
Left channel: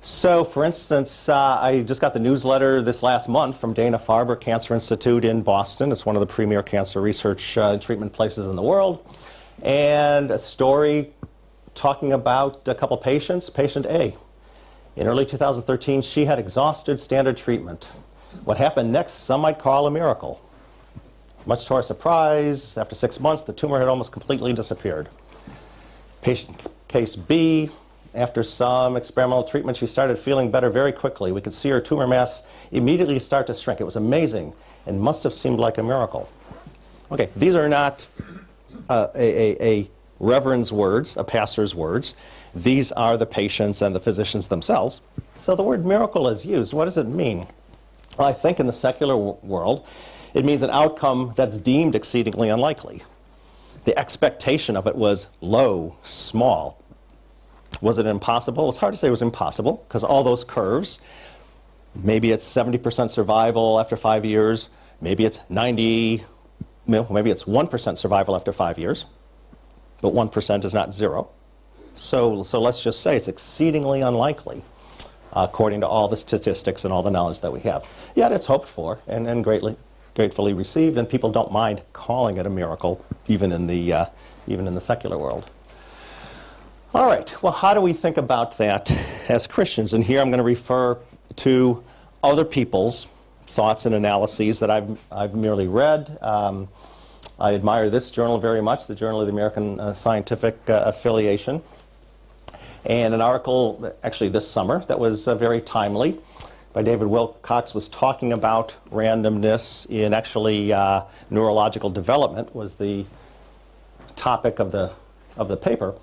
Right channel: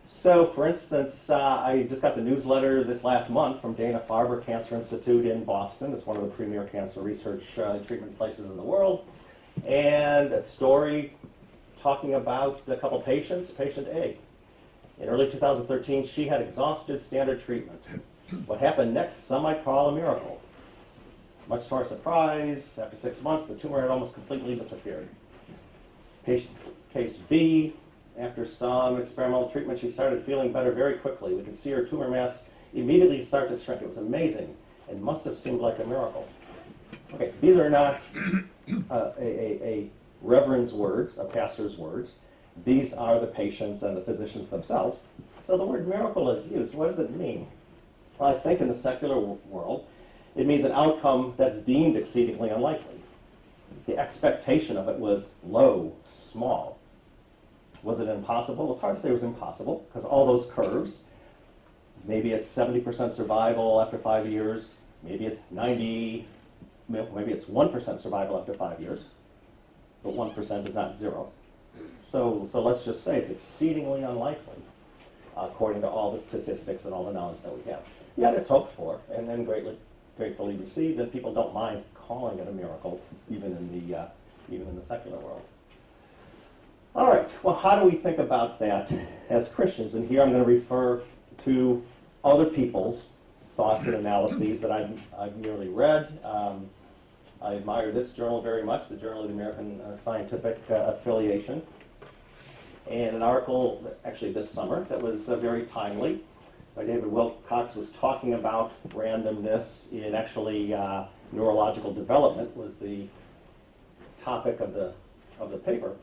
So, for instance, I just got the newsletter this last month from Dana-Farber Cancer Institute in Boston. It's one of the premier cancer research and treatment places in the world. And a story talking about a couple patients. Patient A. In early 2013, she had exhausted standard treatment. What happened next, some might call a miracle. Much to our surprise, after 6 months, the tumor had almost completely disappeared. Patient case B, after some experimental treatment, she started feeling better very quickly. We could see her tumor mass immediately start to shrink. It was amazing and must have seemed like a miracle. Okay, these are not a reverend's words, a pastor's words. These are the patients and the physicians themselves. So the word miracle is used. What does it mean? Well, I think in the secular world, it means an outcome that's deemed exceedingly unlikely. The expectation of it was low, small. Was it impossible? It's hard to say it was impossible, because all those curves, maybe it's 70% survival after 5 years, maybe it's 90, maybe it's 1% survival after 5 years, but 1% is not zero. So let's just say it's exceedingly unlikely, according to all the statistics and all the knowledge that we have. Yet it's hoped for and greatly gratefully received, and people don't mind calling it a miracle, even in the secular world. All right, well, how do we think about that as Christians? And here I'm going to refer to other people's thoughts and analyses that I've merely read. I admire this journal very much, the Journal of the American Scientific Affiliation, and an article actually this summer that was very timely by David Wilcox was talking about randomness in actually neurological development was the topic of the paper,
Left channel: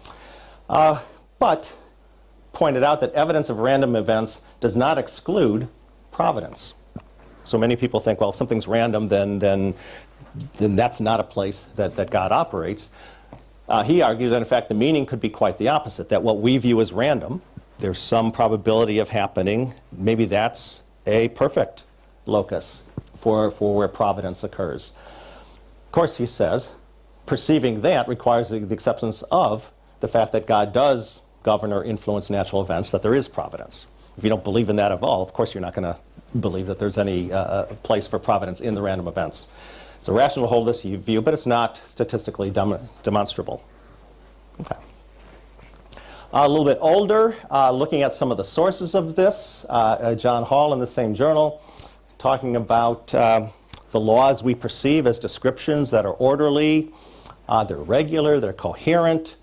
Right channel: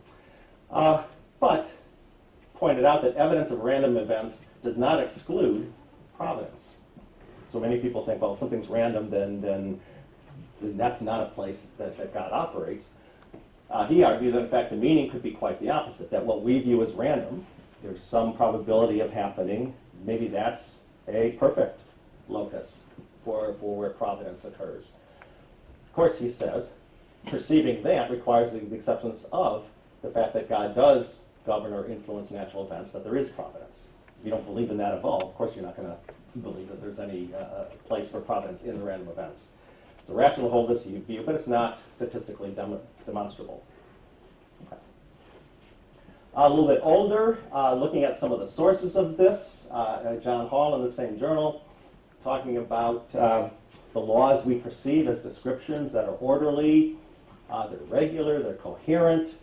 but pointed out that evidence of random events does not exclude providence. So many people think, well, if something's random, then that's not a place that God operates. He argued that, in fact, the meaning could be quite the opposite, that what we view as random, there's some probability of happening. Maybe that's a perfect locus for where providence occurs. Of course, he says, perceiving that requires the acceptance of the fact that God does govern or influence natural events, that there is providence. If you don't believe in that at all, of course you're not going to believe that there's any place for providence in the random events. It's rational to hold this view, but it's not statistically demonstrable. Okay. A little bit older, looking at some of the sources of this, John Hall in the same journal, talking about the laws we perceive as descriptions that are orderly, they're regular, they're coherent,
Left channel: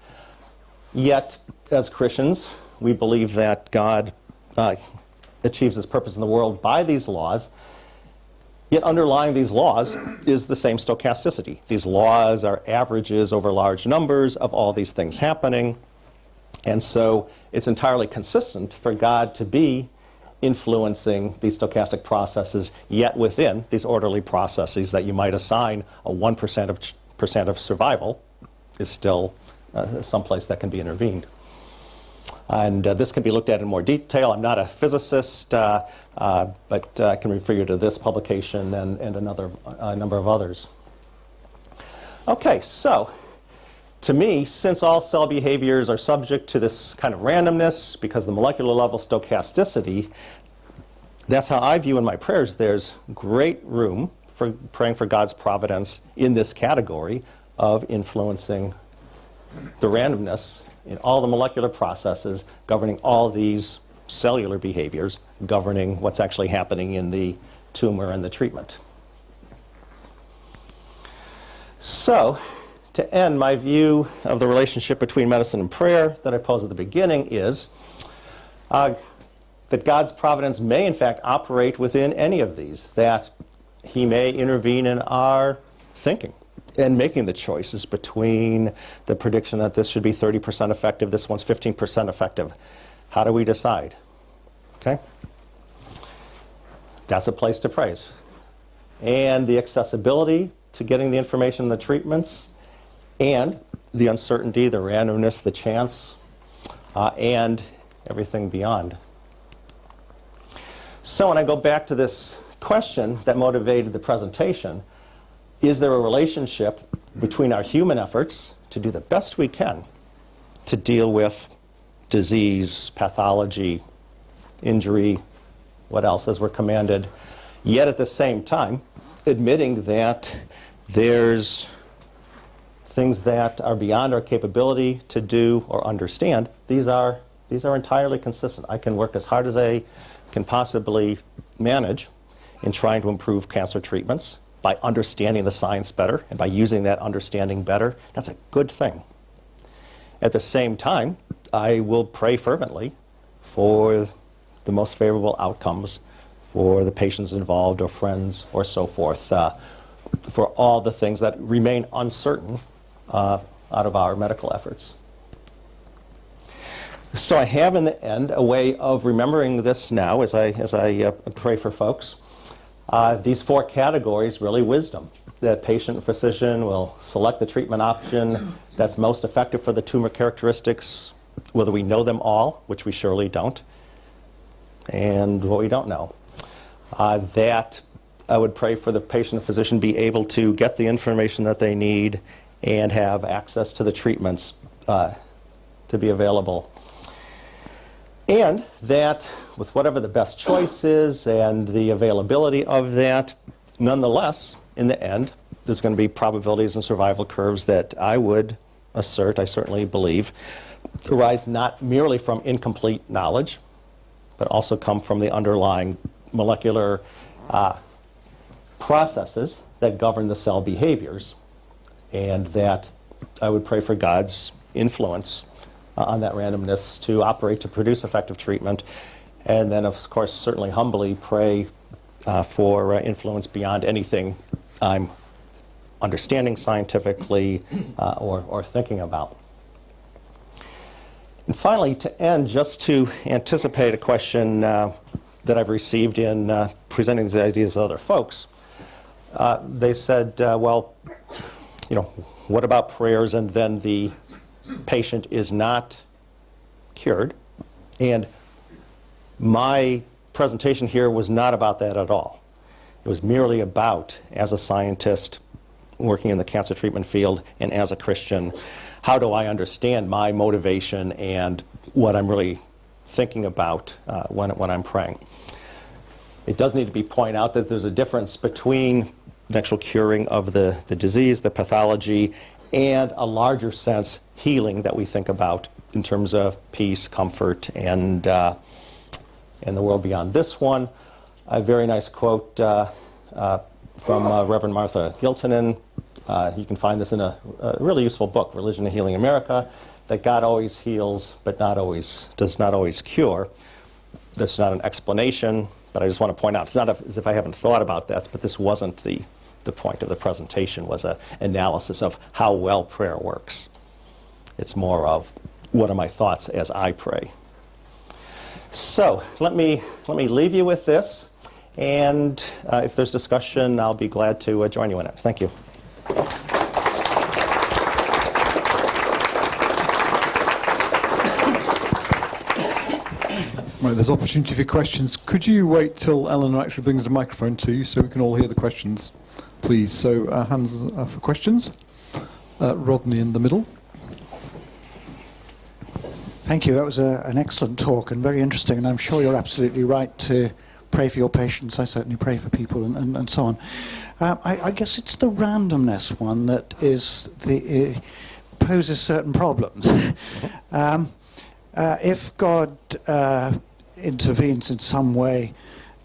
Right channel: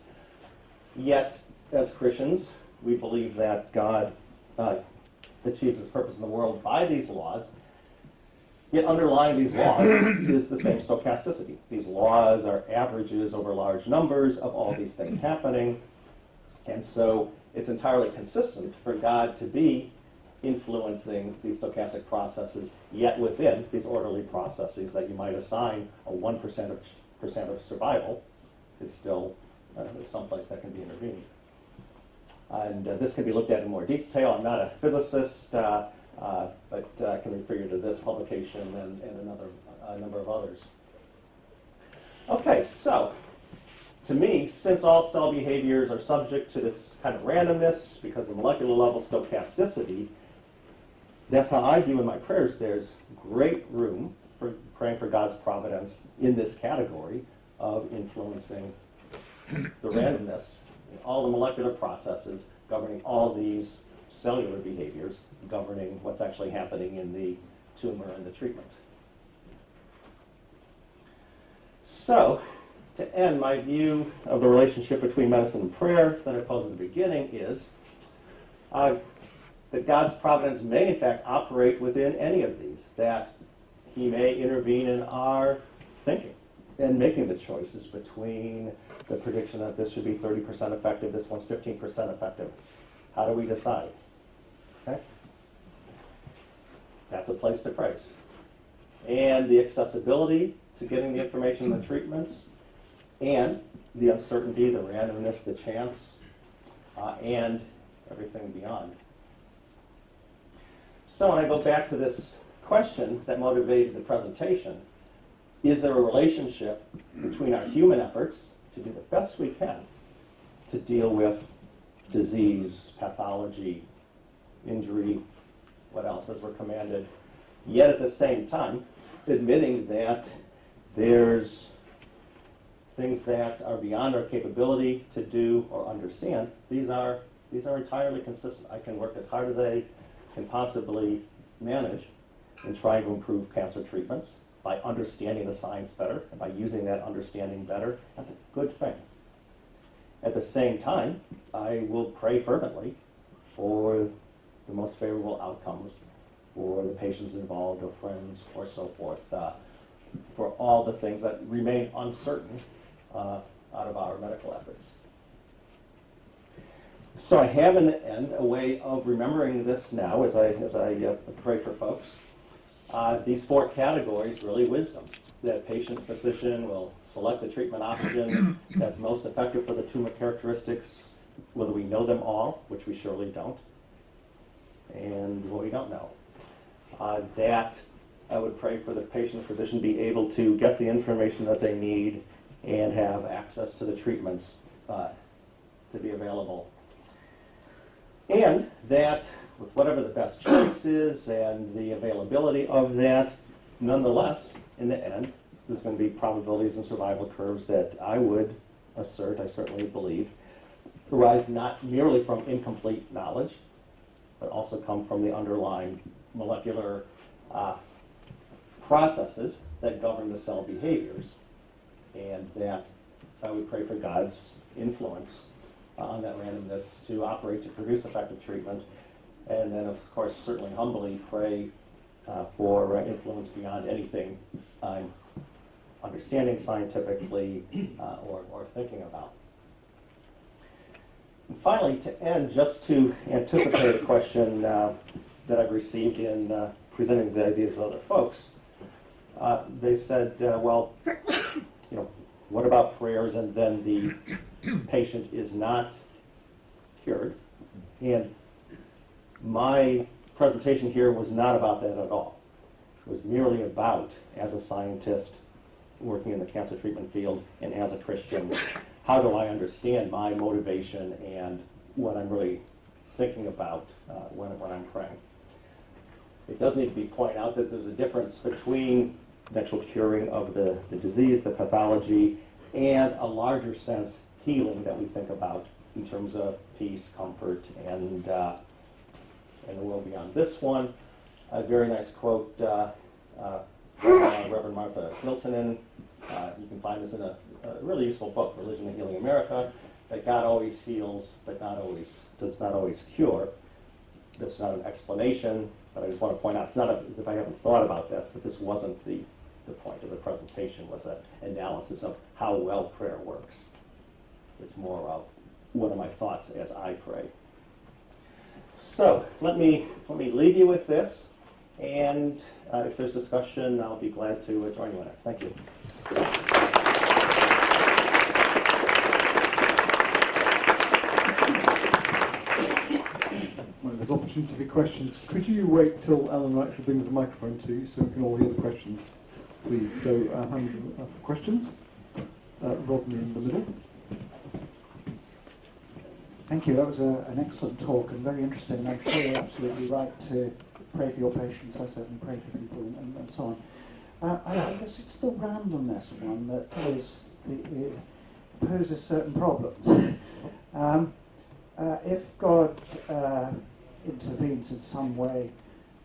yet as Christians, we believe that God achieves his purpose in the world by these laws. Yet underlying these laws is the same stochasticity. These laws are averages over large numbers of all these things happening. And so it's entirely consistent for God to be influencing these stochastic processes, yet within these orderly processes that you might assign a 1% of survival is still someplace that can be intervened. And this can be looked at in more detail. I'm not a physicist, but I can refer you to this publication and a number of others. Okay, so to me, since all cell behaviors are subject to this kind of randomness because the molecular level stochasticity, that's how I view in my prayers there's great room for praying for God's providence in this category of influencing the randomness in all the molecular processes, governing all these cellular behaviors, governing what's actually happening in the tumor and the treatment. So, to end, my view of the relationship between medicine and prayer that I posed at the beginning is that God's providence may, in fact, operate within any of these, that he may intervene in our thinking and making the choices between the prediction that this should be 30% effective, this one's 15% effective. How do we decide? Okay? That's a place to praise. And the accessibility to getting the information and the treatments, and the uncertainty, the randomness, the chance, and everything beyond. So when I go back to this question that motivated the presentation, is there a relationship between our human efforts to do the best we can to deal with disease, pathology, injury, what else, as we're commanded, yet at the same time admitting that there's things that are beyond our capability to do or understand? These are entirely consistent. I can work as hard as I can possibly manage in trying to improve cancer treatments by understanding the science better and by using that understanding better. That's a good thing. At the same time, I will pray fervently for the most favorable outcomes for the patients involved or friends or so forth, for all the things that remain uncertain out of our medical efforts. So I have in the end a way of remembering this now as I pray for folks. These four categories, really wisdom. The patient and physician will select the treatment option that's most effective for the tumor characteristics, whether we know them all, which we surely don't, and what we don't know. That I would pray for the patient and physician be able to get the information that they need and have access to the treatments to be available. And that with whatever the best choice is and the availability of that, Nonetheless, in the end, there's going to be probabilities and survival curves that I would assert, I certainly believe, arise not merely from incomplete knowledge, but also come from the underlying molecular processes that govern the cell behaviors, and that I would pray for God's influence on that randomness to operate to produce effective treatment, and then, of course, certainly humbly pray for influence beyond anything I'm understanding scientifically or thinking about. And finally, to end, just to anticipate a question that I've received in presenting these ideas to other folks, they said, well, you know, what about prayers and then the patient is not cured? And my presentation here was not about that at all. It was merely about, as a scientist working in the cancer treatment field and as a Christian, how do I understand my motivation and what I'm really thinking about when I'm praying. It does need to be pointed out that there's a difference between eventual curing of the disease, the pathology, and a larger sense healing that we think about in terms of peace, comfort, and the world beyond. This one, a very nice quote from Reverend Martha Hiltonen. You can find this in a really useful book, Religion and Healing America, that God always heals, but does not always cure. This is not an explanation, but I just want to point out, it's not as if I haven't thought about this, but this wasn't the point of the presentation, was an analysis of how well prayer works. It's more of, what are my thoughts as I pray? So let me leave you with this, and if there's discussion, I'll be glad to join you in it. Thank you. Right, there's opportunity for questions. Could you wait till Eleanor actually brings the microphone to you so we can all hear the questions, please? So hands for questions. Rodney in the middle. Thank you. That was an excellent talk and very interesting, and I'm sure you're absolutely right to pray for your patients. I certainly pray for people and so on. I guess it's the randomness one that poses certain problems. If God intervenes in some way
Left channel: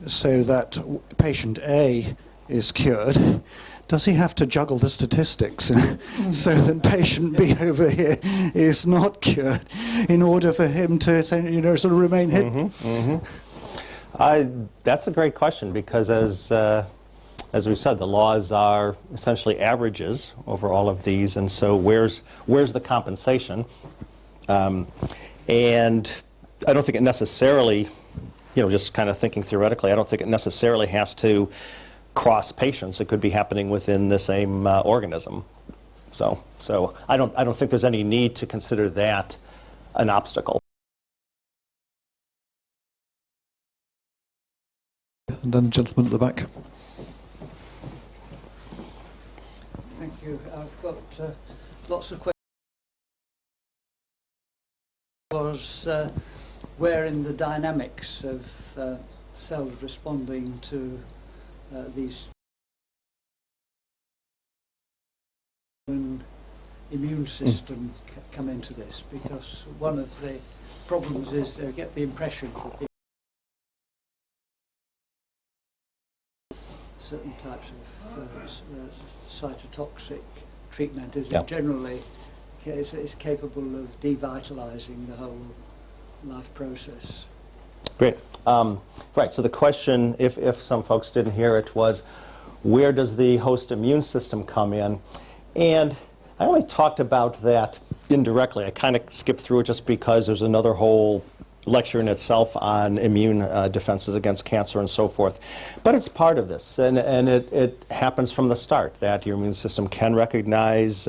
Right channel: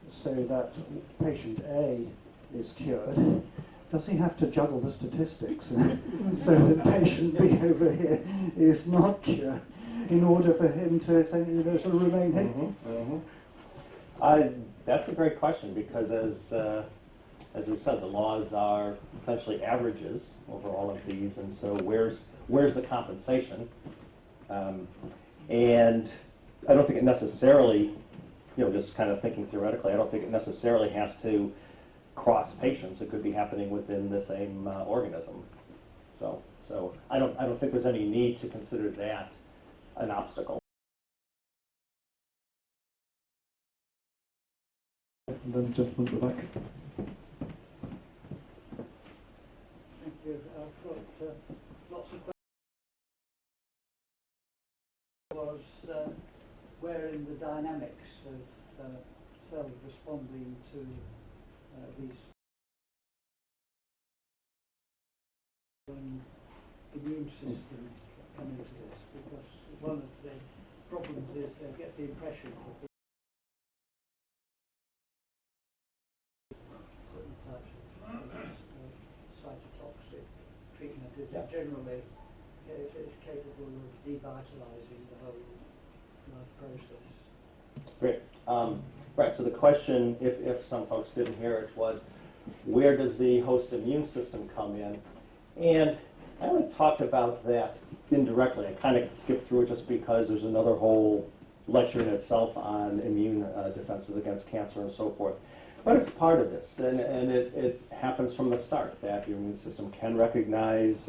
so that patient A is cured, does he have to juggle the statistics so that patient B over here is not cured in order for him to sort of remain hidden? That's a great question, because as we said, the laws are essentially averages over all of these, and so where's the compensation? And I don't think it necessarily, just kind of thinking theoretically, I don't think it necessarily has to cross patients. It could be happening within the same organism. So I don't think there's any need to consider that an obstacle. And then the gentleman at the back. Thank you. I've got lots of questions. Where in the dynamics of cells responding to these immune system come into this? Because one of the problems is they get the impression that certain types of cytotoxic treatment is generally is capable of devitalizing the whole life process. Great. Right, so the question, if some folks didn't hear it, was where does the host immune system come in? And I only talked about that indirectly. I kind of skipped through it just because there's another whole lecture in itself on immune defenses against cancer and so forth. But it's part of this, and it happens from the start, that your immune system can recognize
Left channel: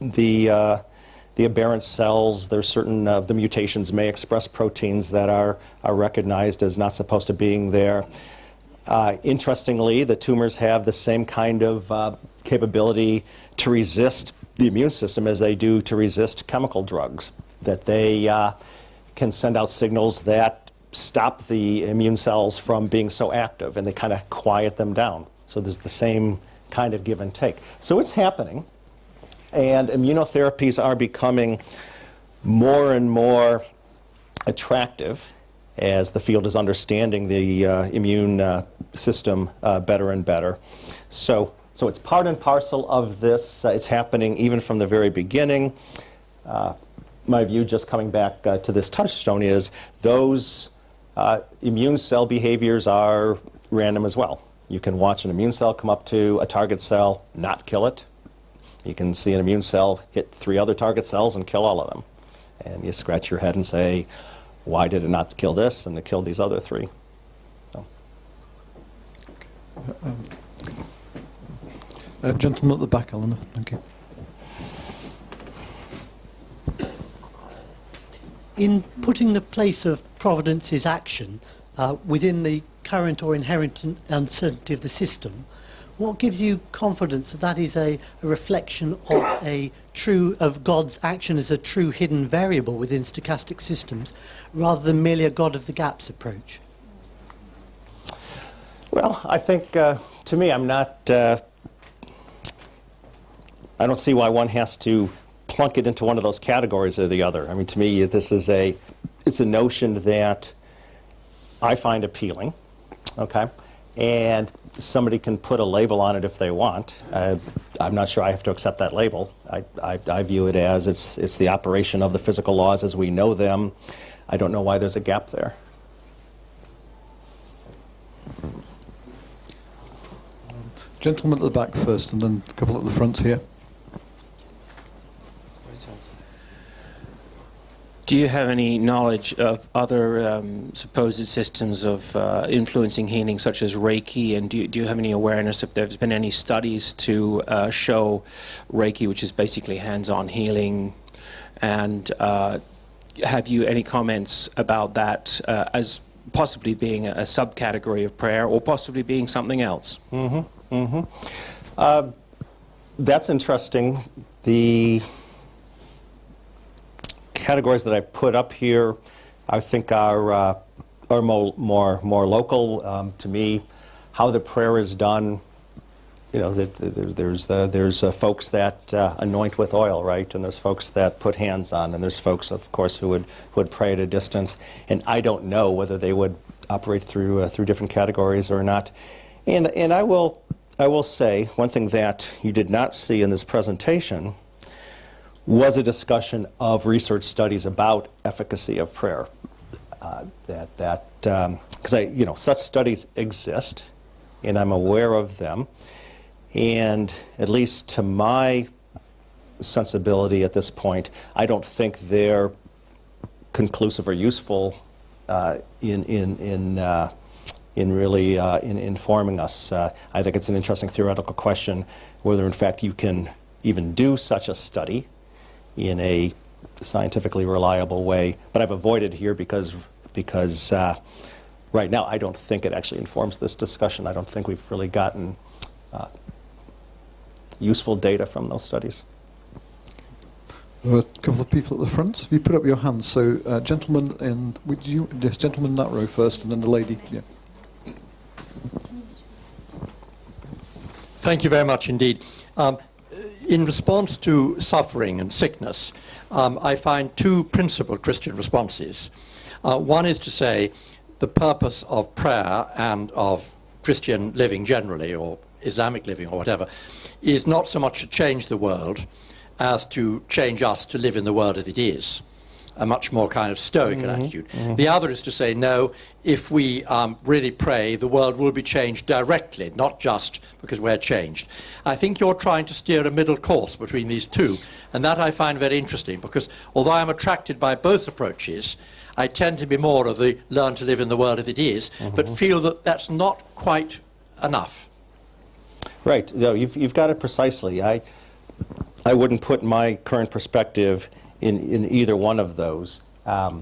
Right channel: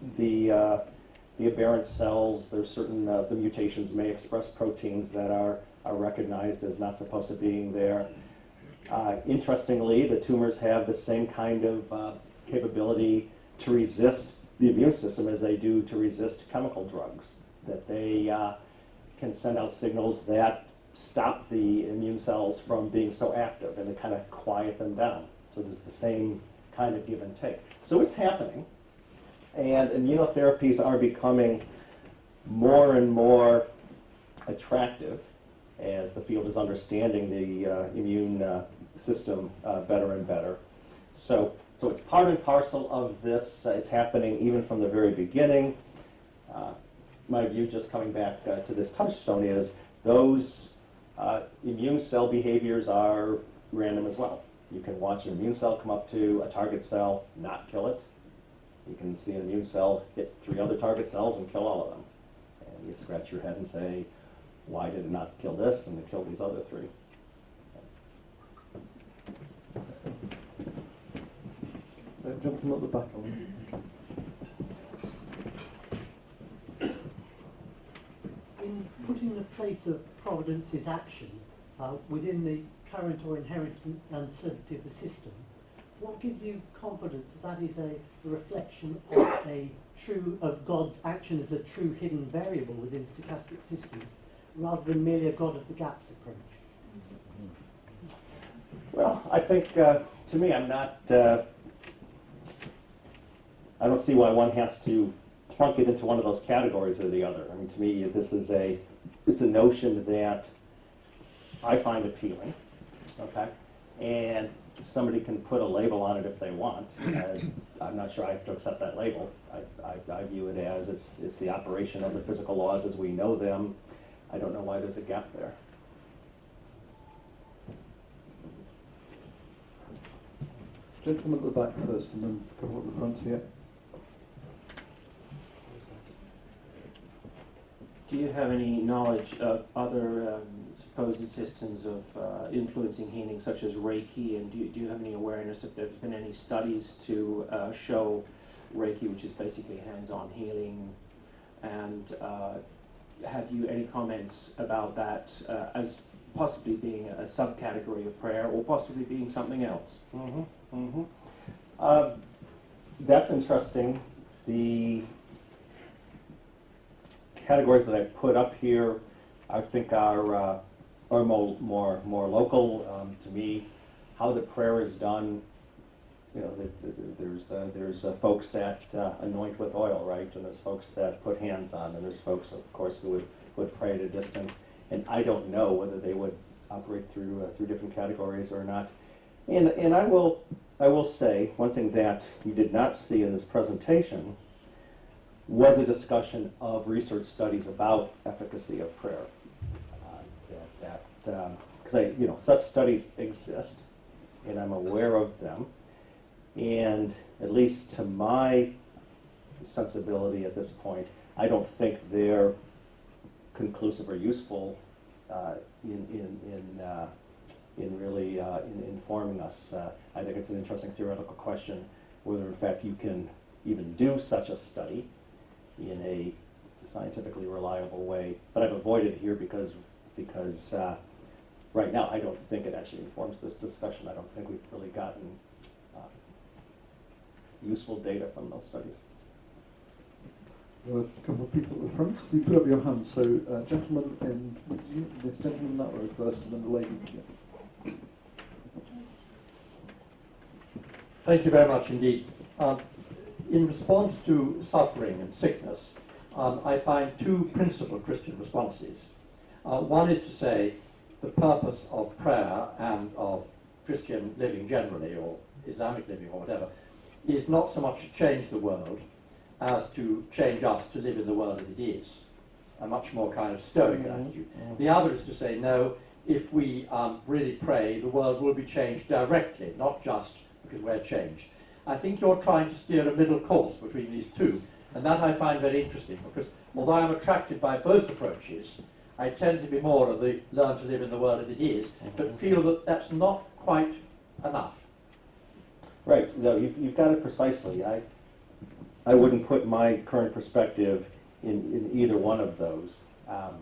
the aberrant cells. There's certain of the mutations may express proteins that are recognized as not supposed to being there. Interestingly, the tumors have the same kind of capability to resist the immune system as they do to resist chemical drugs, that they can send out signals that stop the immune cells from being so active, and they kind of quiet them down. So there's the same kind of give and take. So it's happening, and immunotherapies are becoming more and more attractive as the field is understanding the immune system better and better. So it's part and parcel of this. It's happening even from the very beginning. My view, just coming back to this touchstone, is those immune cell behaviors are random as well. You can watch an immune cell come up to a target cell, not kill it. You can see an immune cell hit 3 other target cells and kill all of them. And you scratch your head and say, why did it not kill this and it killed these other 3? So. Gentleman at the back, Eleanor. Thank you. In putting the place of Providence's action within the current or inherent uncertainty of the system, what gives you confidence that that is a reflection of God's action as a true hidden variable within stochastic systems, rather than merely a God of the gaps approach? Well, I think, to me, I don't see why one has to plunk it into one of those categories or the other. I mean, to me, this is it's a notion that I find appealing, okay? And somebody can put a label on it if they want. I'm not sure I have to accept that label. I view it as it's the operation of the physical laws as we know them. I don't know why there's a gap there. Gentleman at the back first, and then a couple at the front here. Do you have any knowledge of other supposed systems of influencing healing, such as Reiki? And do you have any awareness if there's been any studies to show Reiki, which is basically hands-on healing? And have you any comments about that as possibly being a subcategory of prayer, or possibly being something else? That's interesting. The categories that I've put up here, I think are more local to me. How the prayer is done, you know, there's folks that anoint with oil, right? And there's folks that put hands on, and there's folks, of course, who would pray at a distance. And I don't know whether they would operate through different categories or not. And I will say one thing that you did not see in this presentation was a discussion of research studies about efficacy of prayer. Because such studies exist, and I'm aware of them, and at least to my sensibility at this point, I don't think they're conclusive or useful in informing us. I think it's an interesting theoretical question whether, in fact, you can even do such a study in a scientifically reliable way. But I've avoided here because right now I don't think it actually informs this discussion. I don't think we've really gotten useful data from those studies. There are a couple of people at the front. Have you put up your hands? So, gentleman in that row first, and then the lady. Yeah. Thank you very much indeed. In response to suffering and sickness, I find 2 principal Christian responses. One is to say the purpose of prayer and of Christian living generally, or Islamic living or whatever, is not so much to change the world as to change us to live in the world as it is. A much more kind of stoical attitude. The other is to say, no, if we really pray, the world will be changed directly, not just because we're changed. I think you're trying to steer a middle course between these 2, and that I find very interesting, because although I'm attracted by both approaches, I tend to be more of the learn to live in the world as it is, but feel that that's not quite enough. Right. No, you've got it precisely. I wouldn't put my current perspective in either one of those. I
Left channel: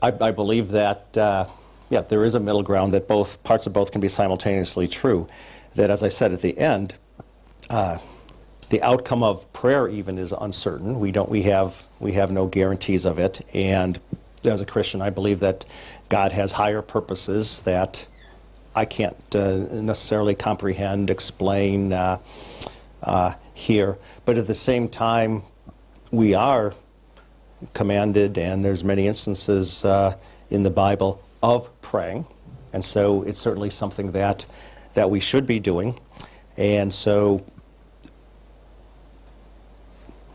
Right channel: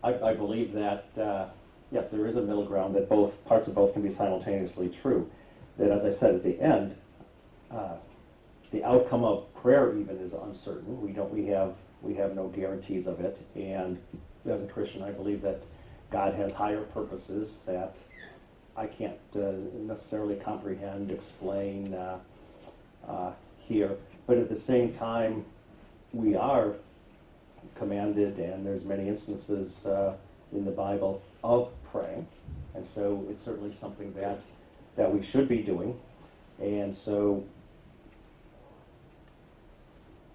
believe that, there is a middle ground, that both parts of both can be simultaneously true. That, as I said at the end, the outcome of prayer even is uncertain. We have no guarantees of it. And as a Christian, I believe that God has higher purposes that I can't necessarily comprehend, explain here. But at the same time, we are commanded, and there's many instances in the Bible of praying, and so it's certainly something that we should be doing. And so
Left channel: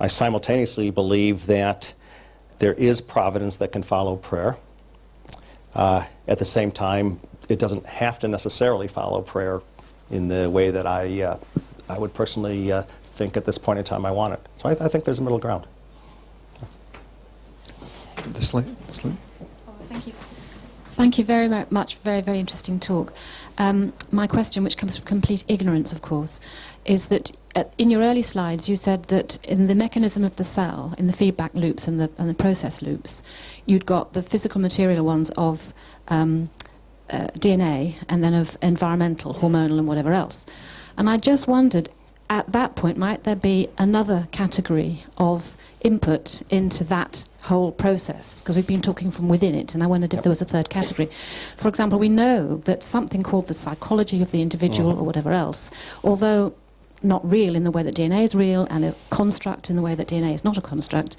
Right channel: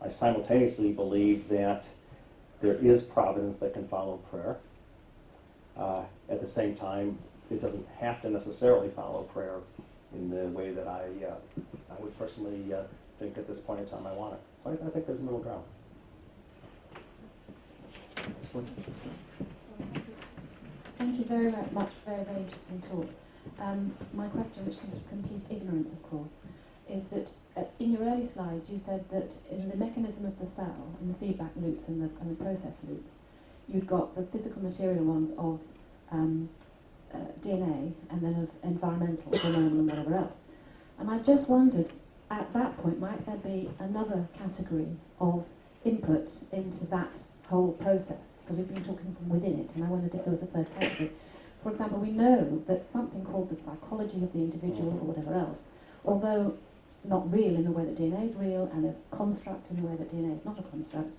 I simultaneously believe that there is providence that can follow prayer. At the same time, it doesn't have to necessarily follow prayer in the way that I would personally think at this point in time I want it. So I think there's a middle ground. This lady. Oh, thank you. Thank you very much. Very, very interesting talk. My question, which comes from complete ignorance, of course, is that in your early slides you said that in the mechanism of the cell, in the feedback loops and the process loops, you'd got the physical material ones of DNA and then of environmental, hormonal and whatever else. And I just wondered, at that point, might there be another category of input into that whole process? Because we've been talking from within it, and I wondered if there was a third category. For example, we know that something called the psychology of the individual or whatever else, although not real in the way that DNA is real and a construct in the way that DNA is not a construct,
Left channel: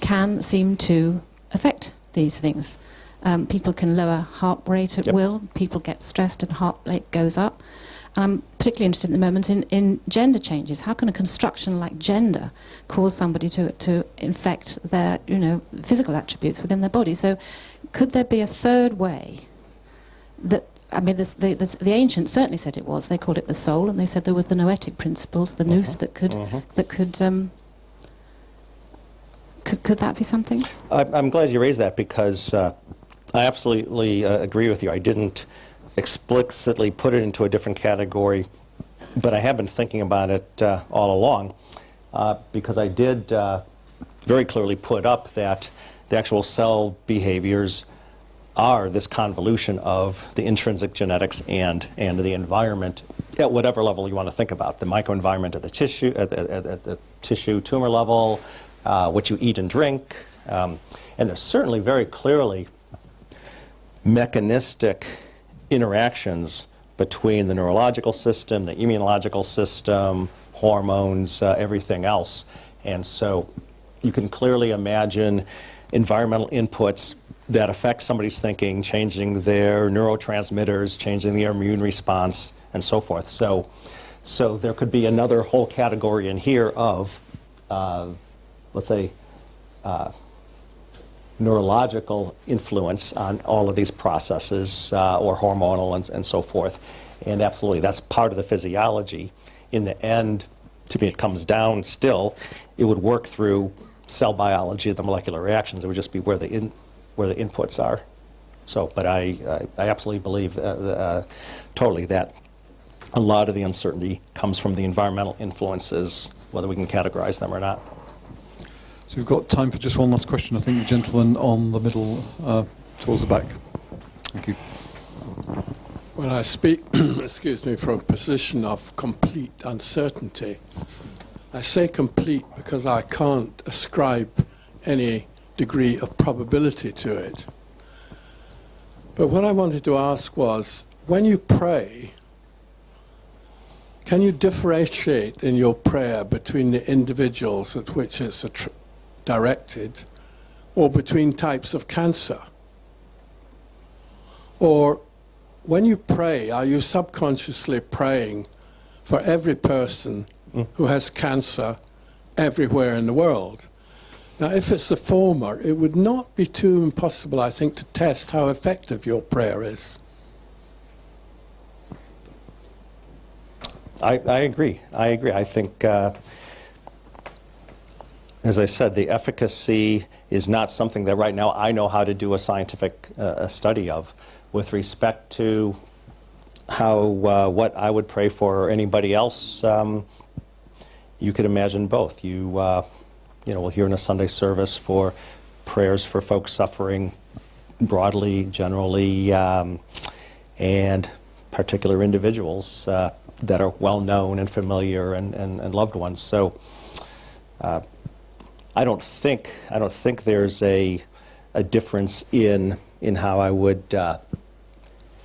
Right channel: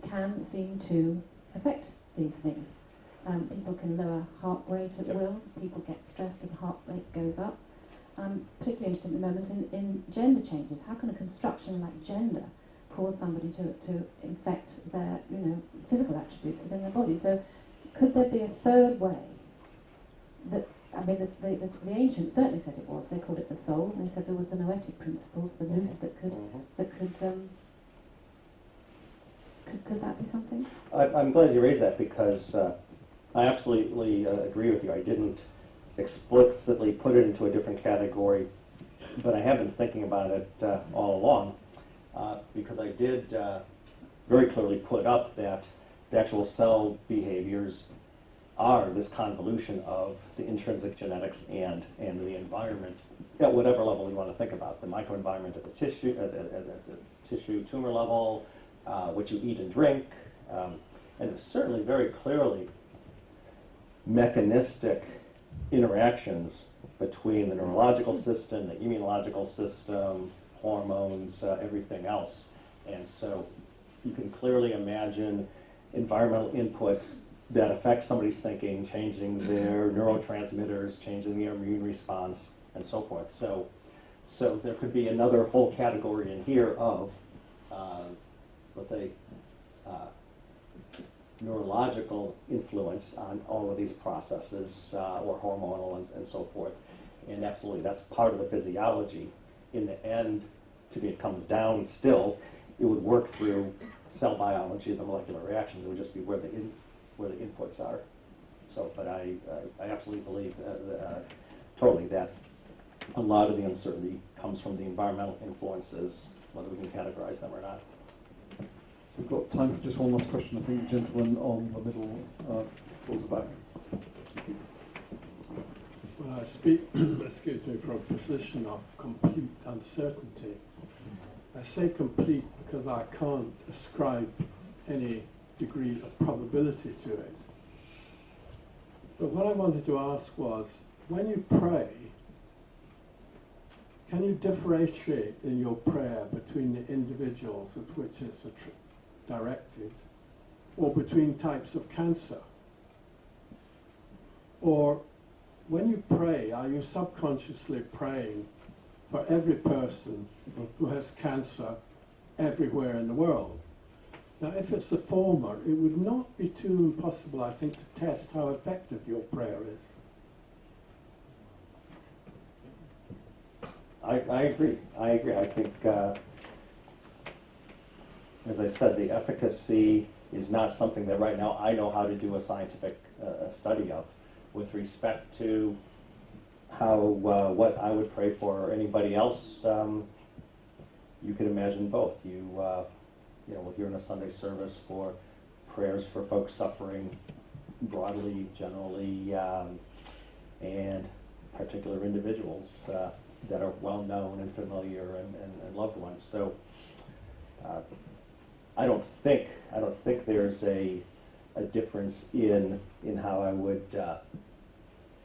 can seem to affect these things. People can lower heart rate at will, people get stressed and heart rate goes up. I'm particularly interested at the moment in gender changes. How can a construction like gender cause somebody to infect their, physical attributes within their body? So could there be a third way that, I mean, the ancients certainly said it was. They called it the soul, and they said there was the noetic principles, the nous that could that be something? I'm glad you raised that, because I absolutely agree with you. I didn't explicitly put it into a different category, but I have been thinking about it all along, because I did very clearly put up that the actual cell behaviors are this convolution of the intrinsic genetics and the environment at whatever level you want to think about. The microenvironment at the tissue, at the tissue tumor level, what you eat and drink, and there's certainly very clearly mechanistic interactions between the neurological system, the immunological system, hormones, everything else. And so you can clearly imagine environmental inputs that affect somebody's thinking, changing their neurotransmitters, changing their immune response, and so forth. So there could be another whole category in here of, let's say, neurological influence on all of these processes, or hormonal and so forth. And absolutely, that's part of the physiology. In the end, to me, it comes down still, it would work through cell biology, the molecular reactions. It would just be where the inputs are. So, but I absolutely believe totally that a lot of the uncertainty comes from the environmental influences, whether we can categorize them or not. So we've got time for just one last question. I think the gentleman on the middle, towards the back. Thank you. Well, I speak, excuse me, from a position of complete uncertainty. I say complete because I can't ascribe any degree of probability to it. But what I wanted to ask was, when you pray, can you differentiate in your prayer between the individuals at which it's directed, or between types of cancer? Or when you pray, are you subconsciously praying for every person who has cancer everywhere in the world? Now, if it's the former, it would not be too impossible, I think, to test how effective your prayer is. I agree. I think, as I said, the efficacy is not something that right now I know how to do a scientific study of. With respect to how what I would pray for or anybody else, you could imagine both. You will hear in a Sunday service for prayers for folks suffering broadly, generally, and particular individuals that are well known and familiar and loved ones. So I don't think there's a difference in how I would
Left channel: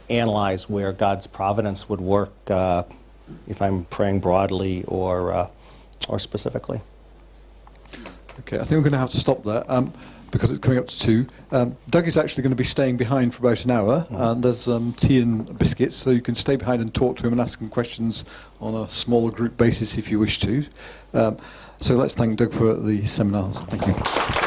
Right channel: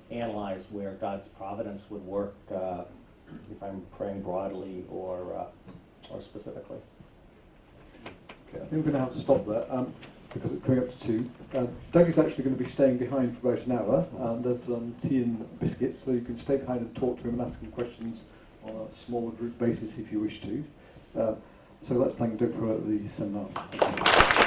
analyze where God's providence would work, if I'm praying broadly or specifically. Okay, I think we're going to have to stop there because it's coming up to 2. Doug is actually going to be staying behind for about an hour, and there's tea and biscuits, so you can stay behind and talk to him and ask him questions on a smaller group basis if you wish to. So let's thank Doug for the seminars. Thank you.